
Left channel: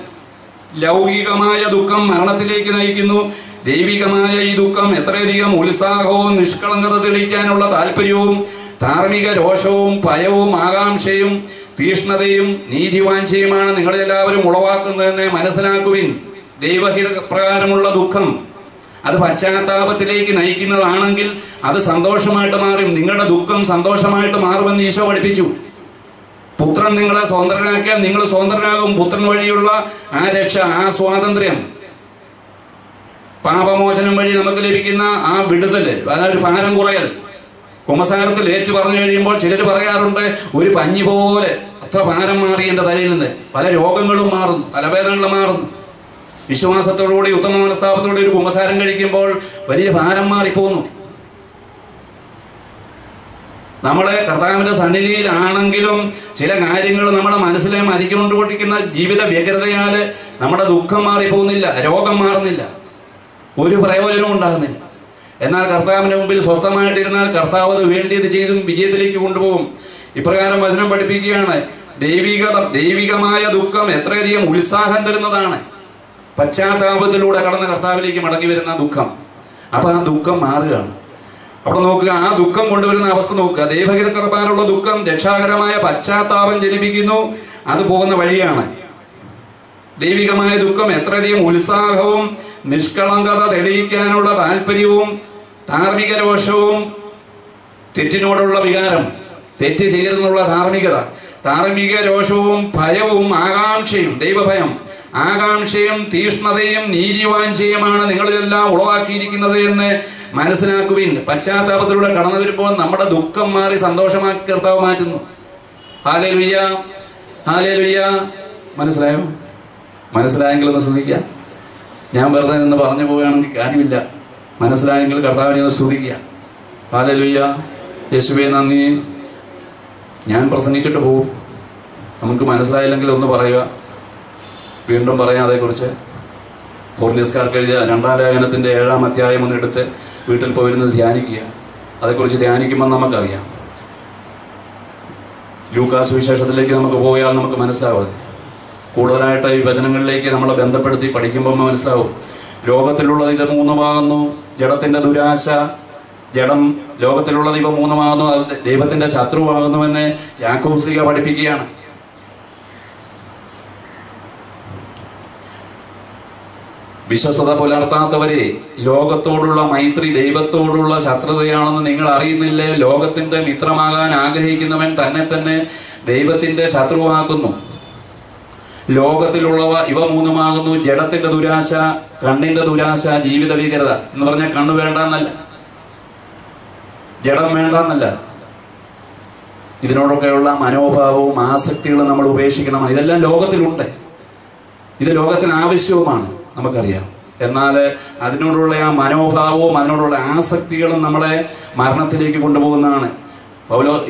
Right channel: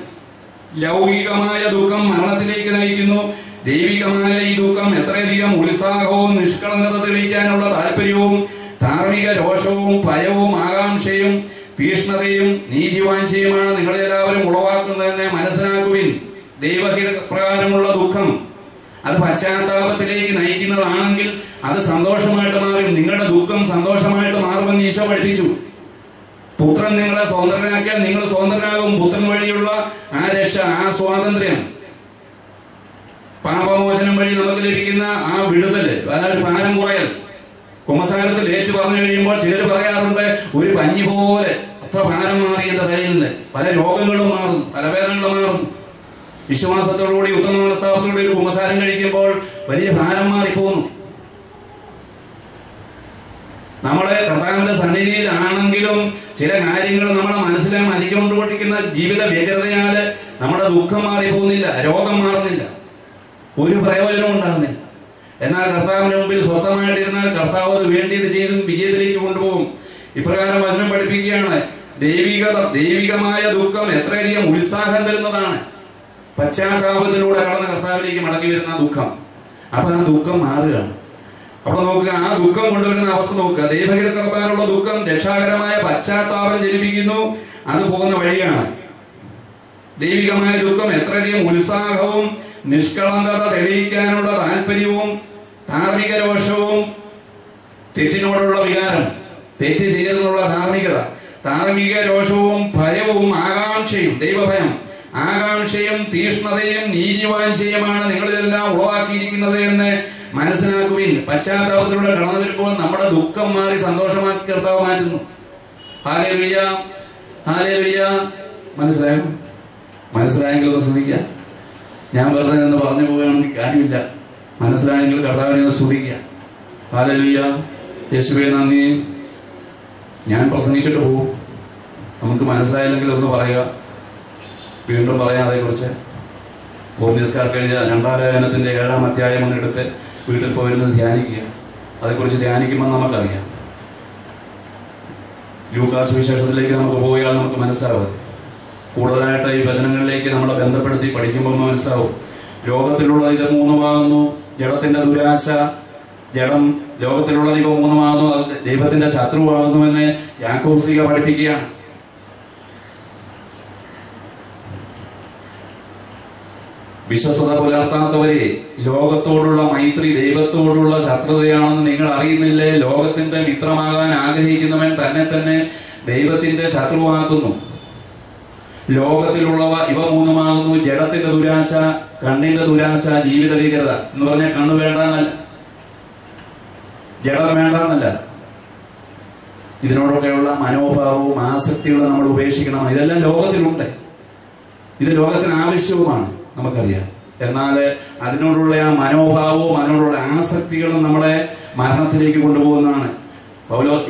ലൗകികമായ ദുഃഖം മരണത്തിലേക്ക് നയിക്കുന്നു. ദൈവികമായ ഈ ദുഃഖം എത്രയധികം ഉത്സാഹവും നിഷ്കളങ്കത തെളിയിക്കാനുള്ള താല്പര്യവും ധാർമ്മിക രോഷവും ഭയവും ആകാംക്ഷയും തീഷ്ണതയും നീതിവാഞ്ചയുമാണ് നിങ്ങളെല്ലാവരും ഉളവാക്കുന്നതെന്ന് മനസ്സിലാക്കുവിൻ. ദൈവഹിത പ്രകാരമുള്ള ദുഃഖം അത് പശ്ചാത്താപത്തിലേക്ക് നയിക്കുന്നതാണെങ്കിൽ അത് സന്തോഷമായിട്ട് മാറും. നിങ്ങളുടെ ദുഃഖം സന്തോഷമായിട്ട് മാറുമെന്ന് ഈശോ പഠിപ്പിച്ചു. പുത്രൻ നിങ്ങളെ സ്വതന്ത്രനാക്കിയാൽ നിങ്ങൾ സ്വതന്ത്രനാകും. പുത്രൻ വഴിയുള്ള ആ രക്ഷ, ആ സ്വാതന്ത്ര്യം, പാപമോചനം വഴി നമുക്ക് ലഭിക്കുന്ന ആ വിടുതല്, അതൊരു ഭാരം കുറയൽ. കുമ്പസാരത്തിൽ ഏറ്റു പറഞ്ഞു കഴിയുമ്പോൾ ചിലർ പറയാറുണ്ട്, ഒരു പഞ്ഞി പോലെ അത്ര ഭാരം മാറി എന്റെ തലയിൽ നിന്ന്. പല രോഗങ്ങളും മാറുന്നു, തലവേദനകളും മാറുന്നു. വിശ്വാസത്തോടുകൂടി ഉത്തമ മനസ്താപത്തോടുകൂടി ഒരു കുമ്പസാരം കഴിക്കുമ്പോൾ വലിയ ഭാരം മാറിപ്പോകുന്നു. നമ്മളെ കർത്താവിന്റെ സന്നിധിയിലാണെങ്കിലും ചില കാര്യങ്ങൾ നമ്മുടെ മനസ്സിലെ മരിക്കൊണ്ടിരിക്കുന്ന ജീവിത വ്യഗ്രതയാല് നമ്മുടെ ദുഃഖം മാറിപ്പോകുന്നില്ല, രോഗം മാറുന്നില്ല, ഒരു പ്രയോജനവും ഉണ്ടാകുന്നില്ല. എന്നാൽ കർത്താവിന്റെ മുമ്പിൽ സ്വസ്ഥമായിട്ടിരുന്നാൽ കർത്താവ് അത് വേണ്ടിയത് ചെയ്തും വിജയത്തിലേക്ക് കൊണ്ടുപോകും. ഇപ്രകാരം വചനം പഠിപ്പിക്കുകയാണ്, ദൈവികമായ ദുഃഖം എത്രയധികം ഉത്സാഹം തരുന്നതാണ്. പശ്ചാത്താപത്തിലൂടെ കടന്ന കർത്താവിലേക്ക് മടങ്ങി വരുന്ന ദുഃഖം. അപ്പൊ ആ ദുഃഖം മാറുകയാണ്. അവിടെ നോക്കുക, ആ ദുഃഖം കൊണ്ടുവരുന്ന അവസ്ഥ നോക്കുക. ദൈവഹിതകരമായ ദുഃഖം രക്ഷാകരമായ പശ്ചാത്താപം ജനിപ്പിക്കുന്നു. അത് പോകുന്ന വഴിയാണ്. ദൈവികമായ ദുഃഖം എത്രയധികം ഉത്സാഹവും നിഷ്കളങ്കത തെളിയിക്കാനുള്ള താല്പര്യവും ധാർമ്മിക രോഷവും തെറ്റിനോടുള്ള വികാരം, തെറ്റ് ചെയ്തെന്നുള്ള ധാർമ്മികത, ധാർമ്മിക രോഷവും ഭയവും ആകാംക്ഷയും, ദൈവഭയം, ആകാംക്ഷയും തീഷ്ണതയും നീതിവാഞ്ചയുമാണ് നിങ്ങളിതെല്ലാം ഉളവാക്കിയിരിക്കുന്നത് എന്ന് മനസ്സിലാക്കുവിൻ. പശ്ചാത്താപത്തിലൂടെ കടന്നു വരുമ്പോൾ നമ്മുടെ ദുഃഖം മാറി സന്തോഷമാക്കി കർത്താവ് മാറ്റുന്നു. Hallelujah, hallelujah. മനസ്സിലായോ? മനസ്സിലായെങ്കിൽ ഒന്ന് ശ്രദ്ധിക്കുക. ഞാൻ വെറുതെ നിന്ന് പറഞ്ഞു പോവുകയാണെങ്കിൽ കാര്യമില്ല. മനസ്സിലായെങ്കിൽ കർത്താവിനെ ഒന്ന് സ്തുതിക്കുക. ഹല്ലേലൂയ, യേശുവേ നന്ദി. ഞാൻ പ്രസംഗിച്ചിട്ട് പോകും. നമുക്ക് മനസ്സിലായില്ലെങ്കിൽ ഒന്ന് പറയുക, വീണ്ടും പറയാം അതേക്കുറിച്ച്. കൊറിന്ത്യസ്കാർക്ക് എഴുതിയ 2-ാം ലേഖനത്തിന്റെ 7-ാം അധ്യായം ഒന്നെടുത്ത് വീട്ടിൽ പോയിരുന്നത് ധ്യാനിക്കുക. അതേക്കുറിച്ച് ധ്യാനിക്കുമ്പോൾ നമുക്കറിയാം. ലൂക്കാസ് വിശേഷത്തിലേക്ക് നമുക്ക് പോയാൽ നമുക്ക് മനസ്സിലാവും. കൂടുതലായിട്ട് ഈ വചനങ്ങളിലേക്ക് നമ്മളെ ബന്ധപ്പെടുത്തി പഠിക്കുമ്പോൾ മനസ്സിലാവും. ലോകത്തിലുള്ളത് ഇത് 3 ഭാഗന്നു. ജഡത്തിന്റെ ദുരാശ, ജഡം ലോകത്തിലുള്ളത് ഇവ 3 ഭാഗന്നു. അത് ദൈവത്തിന്റെ ശത്രുവാകുന്നുവെന്ന് യാക്കോബ് ശ്ലീഹ പഠിപ്പിക്കുകയാണ്. വിശ്വസത പുലർത്താത്തവരെ, ലോകത്തോടുള്ള മൈത്രി ദൈവത്തോടുള്ള ശത്രുതയാണെന്ന് നിങ്ങൾ അറിയുന്നില്ലേ? ലോകത്തിന്റെ മിത്രമാകാൻ ആഗ്രഹിക്കുന്നവൻ തന്നെ തന്നെ ദൈവത്തിന്റെ ശത്രുവാക്കുന്നു. ലോകത്തിലുള്ളവ ഇവ 3 ജഡത്തിന്റെ ദുരാശ, കണ്ണിന്റെ ദുരാശ, ജീവിത ഭീകരത. എന്ന് പറഞ്ഞാൽ കണ്ണു വേണ്ടെന്നല്ല, ജഡം വേണ്ടെന്നല്ല. ഇതിനോടൊക്കെയുള്ള മനോഭാവവും ആസക്തികളും നമ്മൾ ഉപേക്ഷിക്കണം. ഇതെല്ലാം ലോകത്തിലുണ്ട്. ഇത് ലോകത്തിന് ആവശ്യവുമാണ്, നമുക്കറിയാം. എന്നാൽ അതിനോടുള്ള ആ മനോഭാവവും അതിനോടുള്ള ആസക്തികളും നമ്മളെ മരണത്തിലേക്ക് കൊണ്ടുപോകുന്നതാണ്.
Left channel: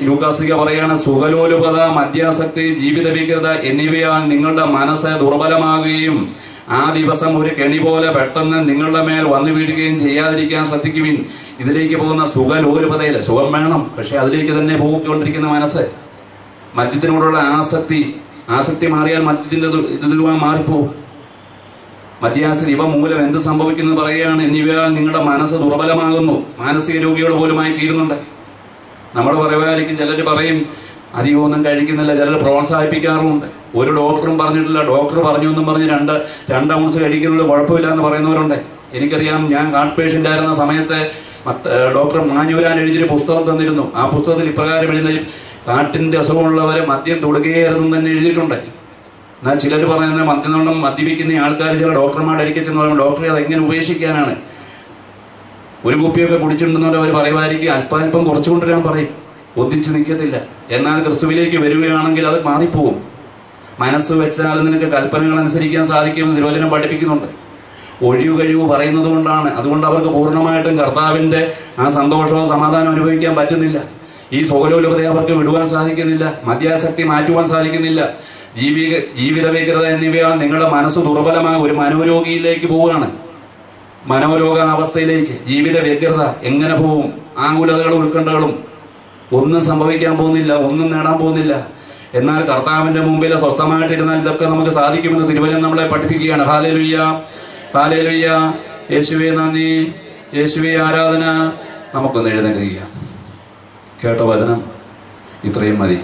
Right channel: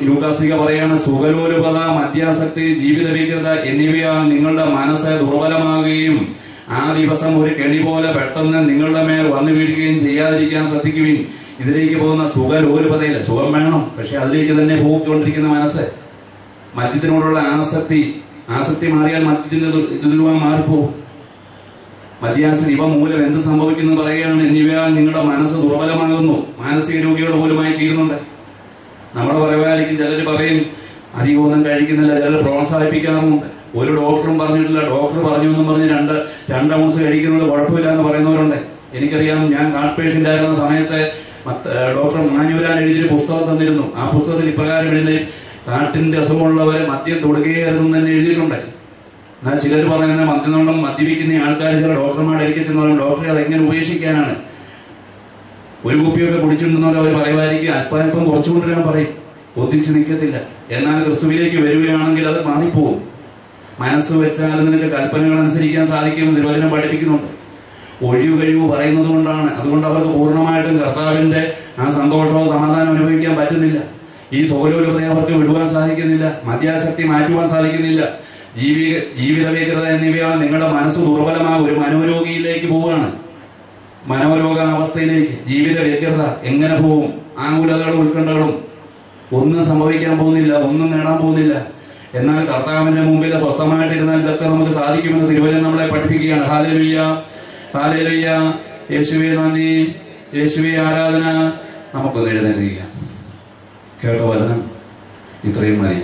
ലൂക്കാസ് ശ്ലീഹ പറയാണ്, സുഖലോലുപത, മദ്യാസക്തി, ജീവിത ഭീകരത എന്നിവയാൽ നിങ്ങളുടെ മനസ്സ് ദുർബലമാകുകയും ആ ദിവസം ഒരു കെണി പോലെ പെട്ടെന്ന് നിങ്ങളുടെ മേൽ വന്നു വീഴുകയും ചെയ്യാതിരിക്കാൻ ശ്രദ്ധിക്കുവിൻ. ഇതിലേക്ക് പോകുന്ന സുഖലോലുപതയില്ല. സുഖം വേണം, പക്ഷെ അതിലേക്ക് തന്നെ പോയിക്കൊണ്ടിരിക്കുന്ന മനസ്സ്, മദ്യത്തിനോടുള്ള ആസക്തി മാറിയാൽ മദ്യത്തിന്റെ ഇതിൽ മാറിപ്പോവും. മദ്യാസക്തി ഇവ മൂലം എന്ത് സംഭവിക്കുന്നു പറയുകയാണ്. എന്നിവയാൽ നിങ്ങളുടെ മനസ്സ് ദുർബലമാകുന്നു, മാനസിക രോഗികൾ പോലുമായി തീരുന്നുണ്ട്. നമ്മുടെ പറയുവായിരിക്കും ചിലർ പറയും അധികമൊന്നും കഴിക്കുന്നില്ല, ചിലർ പ്രോത്സാഹിപ്പിക്കാറുമുണ്ട്. ഒരു ഡോക്ടറും പറഞ്ഞിട്ടില്ല, ഡോക്ടർ പറഞ്ഞു എന്നും പറഞ്ഞ് രണ്ട് ഔൺസ് കഴിക്കുന്നുള്ള കുഴപ്പമില്ല എന്ന് പറയുന്നവരുണ്ട്. എനിക്കറിയാം, ഞാൻ ഹാർട്ട് പേഷ്യന്റ് ആയിരുന്ന സമയത്ത് ഡോക്ടർ മാഞ്ഞൂരാൻ എഴുതിയൊരു പുസ്തകം തന്നിരുന്നു. ആ പുസ്തകത്തിൽ ഇപ്രകാരം എഴുതി, ഹാർട്ടിന്റെ അസുഖമുള്ളവരെ മദ്യം തൊടുകയായിരുന്നു തന്നെ എഴുതിയിട്ടുണ്ട്. എന്നാൽ ചിലർ പറയുന്നത് മദ്യനോളം മദ്യപിക്കുന്ന ആൾക്കാർ ചില ഡോക്ടർമാരുടെ അരികെ ചെന്ന് പറയും, ഡോക്ടറെ അതെങ്ങനെ ഉപേക്ഷിക്കാനാണ്? ഒരു കുപ്പിയൊക്കെ കുടിച്ചിട്ടുണ്ടെന്നവർ അവർ പറയുമായിരിക്കും, അല്പാൽപ്പം കുറച്ചുകൊണ്ടിരാൻ പറയും, ഒന്നിച്ച് നിൽക്കത്തില്ല. എന്നാൽ ക്രിസ്തുവിലേക്ക് വരികയാണെങ്കിൽ അത് മാറിപ്പോവും. മനസ്സ് വെച്ചാൽ നിനക്ക് കൽപ്പനകൾ അനുസരിക്കാൻ സാധിക്കുമെന്ന് തിരുവചനം പഠിപ്പിക്കുന്നുണ്ട്. ഒഴിവ് കഴിവ് പറയുന്നത് കൊണ്ടാണ്. അതുകൊണ്ട് അവർക്ക് പൂർണ്ണമായിട്ടും കർത്താവിന്റെ ആ സന്തോഷവും സമാധാനവും അനുഭവിക്കാൻ പറ്റുന്നില്ല. ഈ സ്വലോലുപതയെ അവർക്ക് വിടുവാൻ സാധിക്കുന്നില്ല, മദ്യാസക്തി മാറ്റുവാൻ സാധിക്കുന്നില്ല. ജീവിത വ്യഗ്രത എന്നിവയാൽ നിങ്ങളുടെ മനസ്സ് ദുർബലമായ ഒരു മനോരോഗിയിലേക്ക് പോവുകയാണ്, മനോരോഗാവസ്ഥയിലേക്ക്. ജീവിത വ്യഗ്രത എങ്ങനെ പോവും? ആകുലതകളും ഉത്കണ്ഠകളും. ഒന്നും സംഭവിക്കാൻ പോകുന്നില്ല, ഒന്നും നേടാൻ പോകുന്നില്ല. എന്നാൽ കർത്താവിന്റെ മുമ്പിൽ സ്വസ്ഥമായിട്ടിരുന്നാൽ ഇതൊക്കെ നമുക്ക് സാധിക്കുമെന്ന് തിരുവചനം നമ്മളെ പഠിപ്പിക്കുകയാണ്. Hallelujah, hallelujah. യേശുവേ നന്ദി, യേശുവേ ആരാധന. നമുക്കൊന്ന് എഴുന്നേൽക്കുക. കേട്ട വചനം ഇത്രയും മതി.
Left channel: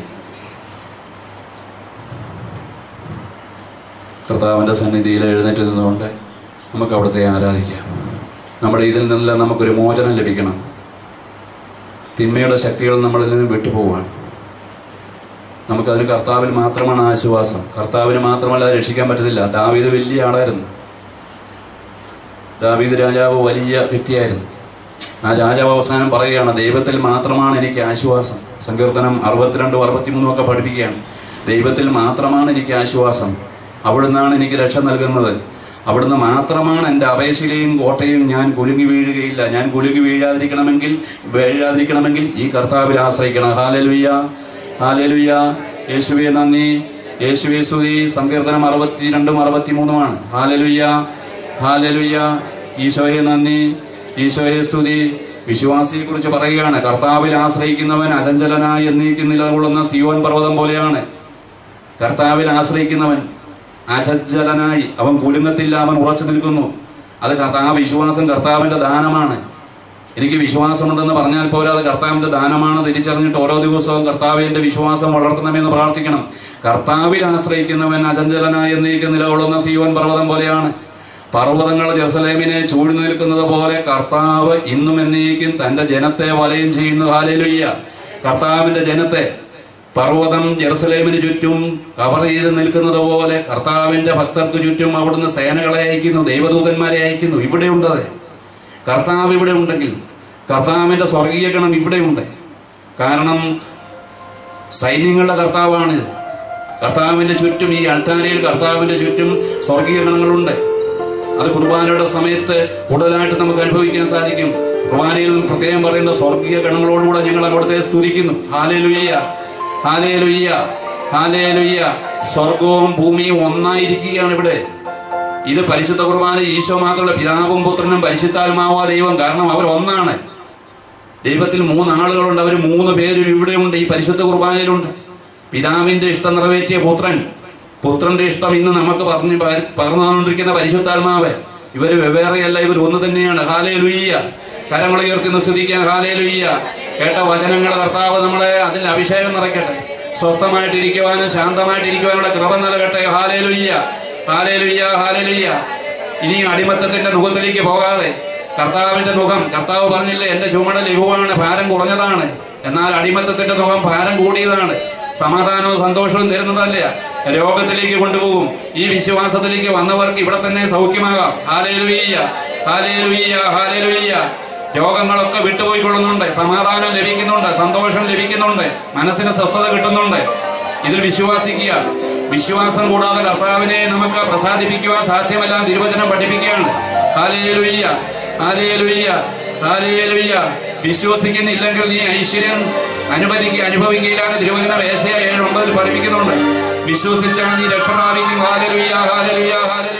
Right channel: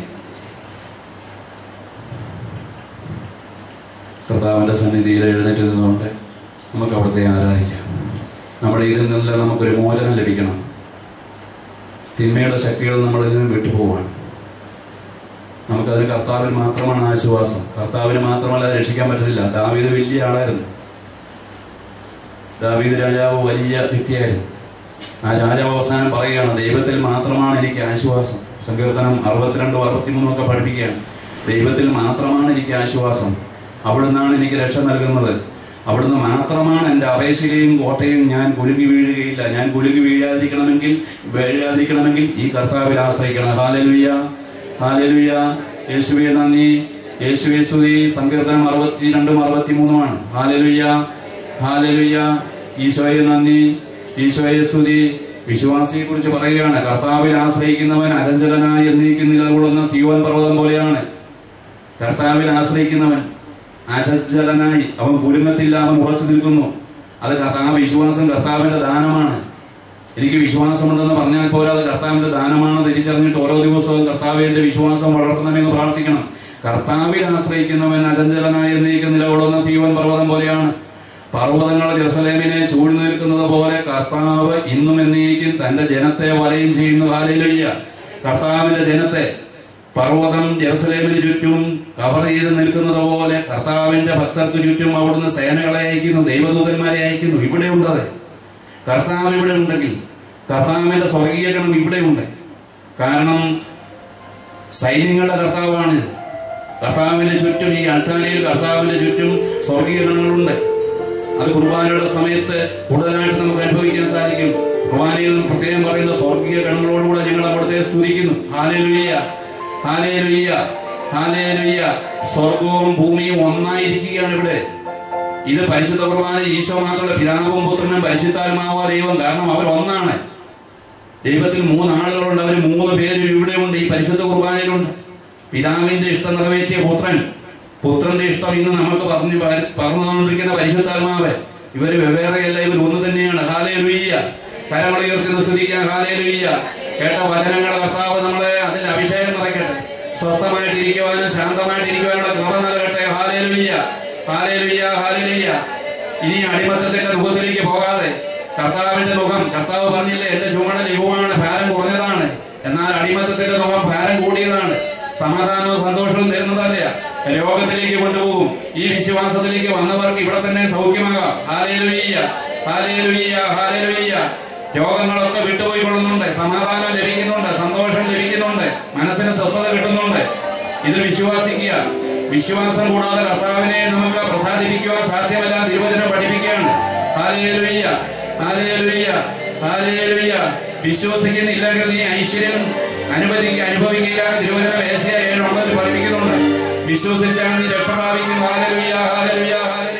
കർത്താവിന്റെ സന്നിധിയിൽ എഴുന്നേറ്റ് നിന്നുകൊണ്ട് നമുക്ക് അവിടുത്തെ ആരാധിക്കാം. നമ്മുടെ ഇതിൽ നിന്നെല്ലാം നമുക്കൊരു മോചനം ലഭിക്കണം. തിന്മയുടെ ശക്തികൾ നമ്മളിൽ നിന്ന് വിട്ടുപോവാണ്. നമുക്കതിന് കർത്താവിൽ മാത്രമാണ് ആശ്വാസം. കർത്താവിന് മാത്രമല്ല രക്ഷിക്കാൻ പറ്റത്തില്ല. ദാവീദ് വലിയ ആളായിരുന്നു. ദാവീദ് രാജാവ് വലിയ വ്യക്തിയായിരുന്നു. ആ രാജാവ് അവസാനം പറയുകയാണ്, ദൈവത്തിൽ മാത്രമാണ് എനിക്ക് ആശ്വാസം. സങ്കീർത്തനം 62, 63 ഒക്കെ പഠിപ്പിക്കുകയാണ്. ദൈവത്തിൽ മാത്രമാണ് എനിക്ക് ആശ്വാസം, അവിടുന്നാണ് എനിക്ക് രക്ഷ നൽകുന്നത്, അവിടുന്ന് മാത്രമാണ് എൻ്റെ അപേക്ഷയും കോട്ടയും. ഞാൻ കുലുങ്ങി വീഴുകയില്ല. ഞാൻ കുലുങ്ങി വീഴാതിരിക്കണമെങ്കിൽ ഈ കർത്താവിൽ ആശ്രയിക്കണം. Hallelujah, hallelujah. യേശുവേ നന്ദി, യേശുവേ സ്തുതി. സങ്കീർത്തനം 62, 63. Hallelujah, hallelujah. ഈശോയെ നന്ദി, ഈശോയെ സ്തുതി. വിശ്വാസിയെ കുറിച്ച് പറയുകയാണ്, കർത്താവിൽ ആശ്രയിക്കുന്നവൻ അചഞ്ചലനായി എന്നേക്കും നിലകൊള്ളുന്ന സിയോൻ പർവ്വതം പോലെയാണ്. കർത്താവിൽ ആശ്രയിക്കുന്നവൻ അചഞ്ചലനായി, അവൻ കുലുങ്ങത്തില്ല, അവൻ ഉറച്ചു നിൽക്കുന്നു. അത് ആ വിശ്വാസം കർത്താവിന്റെ ദാനമാണ്. എനിക്ക് വിശ്വാസമുണ്ടെന്ന് പറഞ്ഞാൽ പോരാ, അത് കർത്താവിന്റെ ദാനമാണ് തിരിച്ചറിഞ്ഞിട്ട് ഓരോ ദിവസവും കർത്താവിന്റെ വിശ്വാസം വളർത്തണമെന്ന് പ്രാർത്ഥിക്കണം. കർത്താവിൽ ആശ്രയിക്കുന്നവൻ അചഞ്ചലനായി എന്നേക്കും നിലകൊള്ളുന്ന സിയോൻ പർവ്വതം പോലെയാണ്. പർവ്വതങ്ങൾ ജെറുസലേമിനെ ചൂഴ്ന്നു നിൽക്കുന്നത് പോലെ കർത്താവ് ഇന്നും എന്നേക്കും തന്റെ ജനത്തെ വലയം ചെയ്യുന്നു. ഹല്ലേലൂയ. കർത്താവിന്റെ ജനത്തെ പർവ്വതം ജെറുസലേമിന് ചുറ്റും കവർ ചെയ്ത് നിൽക്കുന്നത് പോലെ കർത്താവിന്റെ ഭക്തർക്ക് ചുറ്റും അവിടുന്ന് സേനകളെ അയക്കുന്നു, ദൈവദൂതന്മാരെ അയക്കുന്നു. ഇവിടെയുണ്ട്. കർത്താവ് ഇവിടെ ഉണ്ടെങ്കിൽ കർത്താവിന്റെ സ്വർഗീയ ഗണം ഇവിടെയുണ്ട്. കാരണം സൈന്യങ്ങളുടെ കർത്താവാണ്. കർത്താവിന്റെ ചുറ്റും, ഈ അൾത്താരയിൽ കർത്താവിന്റെ ചുറ്റും സ്വർഗീയ ഗണങ്ങളുണ്ട്. അത് കുർബാനയുടെ സമയത്ത് കൂടുതലായിട്ട് നമുക്ക് അനുഭവിക്കാൻ സാധിക്കും. കുർബാനയിൽ പ്രത്യേകം പറയുന്ന സ്വർഗീയ ഗണങ്ങളോടുകൂടെ ഞങ്ങൾ അവിടുത്തെ സ്തുതിക്കുന്നു. Hallelujah, hallelujah, hallelujah. സ്വർഗവും ഭൂമിയും ഒന്നായിരിക്കുകയാണ് ഇവിടെ. ഇത് പരിശുദ്ധ കുർബാന ഈശോ മാത്രമല്ല, പിതാവും പുത്രനും പരിശുദ്ധാത്മാവാ ദൈവം. കാരണം അവർ ഒന്നാണ്. ദൈവത്തിൽ 3 ആളുകളുണ്ട്, അവർ 3 പേരും ഇവിടെയുണ്ട്, ഈ പരിശുദ്ധ കുർബാനയിലുണ്ട്. പിതാവിന്റെ ഇഷ്ടം നിറവേറ്റിയ പുത്രൻ, പുത്രന്റെ ഇഷ്ടം ഇന്ന് നമുക്ക് പറഞ്ഞുകൊണ്ടിരിക്കുന്ന പരിശുദ്ധാത്മാവ്. ഇവര് വെവ്വേറെയല്ല, ഇവർ ഒന്ന് തന്നെയാണ്. ഹല്ലേലൂയ. കരങ്ങളെ ഉയർത്തുന്ന സ്തുതിക്കാൻ. ഹല്ലേലൂയ. കേട്ട വചനങ്ങൾ കർത്താവ് നമ്മളെ അതിൽ അഭിഷേകം നിറയ്ക്കട്ടെ. സ്വസ്ഥമായിട്ടിരിക്കുവാനും ശാന്തമായിട്ടിരിക്കുവാനുള്ള കൃപ നൽകട്ടെ. Hallelujah, hallelujah, hallelujah. ഇനിയും അടിമത്തത്തിന്റെ മുഖത്തിലേക്ക് പോകാതെ കർത്താവിന്റെ മുഖം, കർത്താവ് പറഞ്ഞില്ലേ, എന്റെ ചുമട് ലഘുവാണ്, ഭാരം കുറഞ്ഞതാണ്. എന്നാൽ അടിമത്തത്തിന്റെ മുഖം ഭാരം കൂടിയതാണ്. സമാധാനവും സന്തോഷവും തരുന്നതല്ല, രോഗത്തിലേക്ക് കൊണ്ടുപോകും. ഈ വിശ്വാസത്തിലേക്ക് വന്നവർക്ക് ഇവിടെ തന്നെ സൗഖ്യമാകാം. Hallelujah, hallelujah, hallelujah. രോഗങ്ങളൊക്കെ വിട്ടുപോയിക്കൊള്ളുന്നുണ്ട്, സമാധാനം ലഭിക്കുന്നുണ്ട്, സന്തോഷം ലഭിക്കുന്നുണ്ട്, മനസ്സിന് സ്വസ്ഥത കിട്ടുന്നുണ്ട്. ഇത് വിശ്വാസിക്കുക. വിശ്വാസം കൂടാതെ കർത്താവിനെ നമുക്ക് പ്രസാദിപ്പിക്കുവാൻ സാധ്യമല്ല. തിരുവചനം പഠിപ്പിക്കുകയാണ്. Hallelujah, hallelujah, hallelujah. വിശ്വസിക്കുന്നില്ലെങ്കിൽ നീ ഐശ്വര്യം അനുഭവിക്കുകയില്ല. തിരുവചനം യേശയ്യാ 7:9 പഠിപ്പിക്കുന്നുണ്ട്. വിശ്വസിച്ചാൽ നീ രക്ഷ പ്രാപിക്കും. Hallelujah, hallelujah, hallelujah.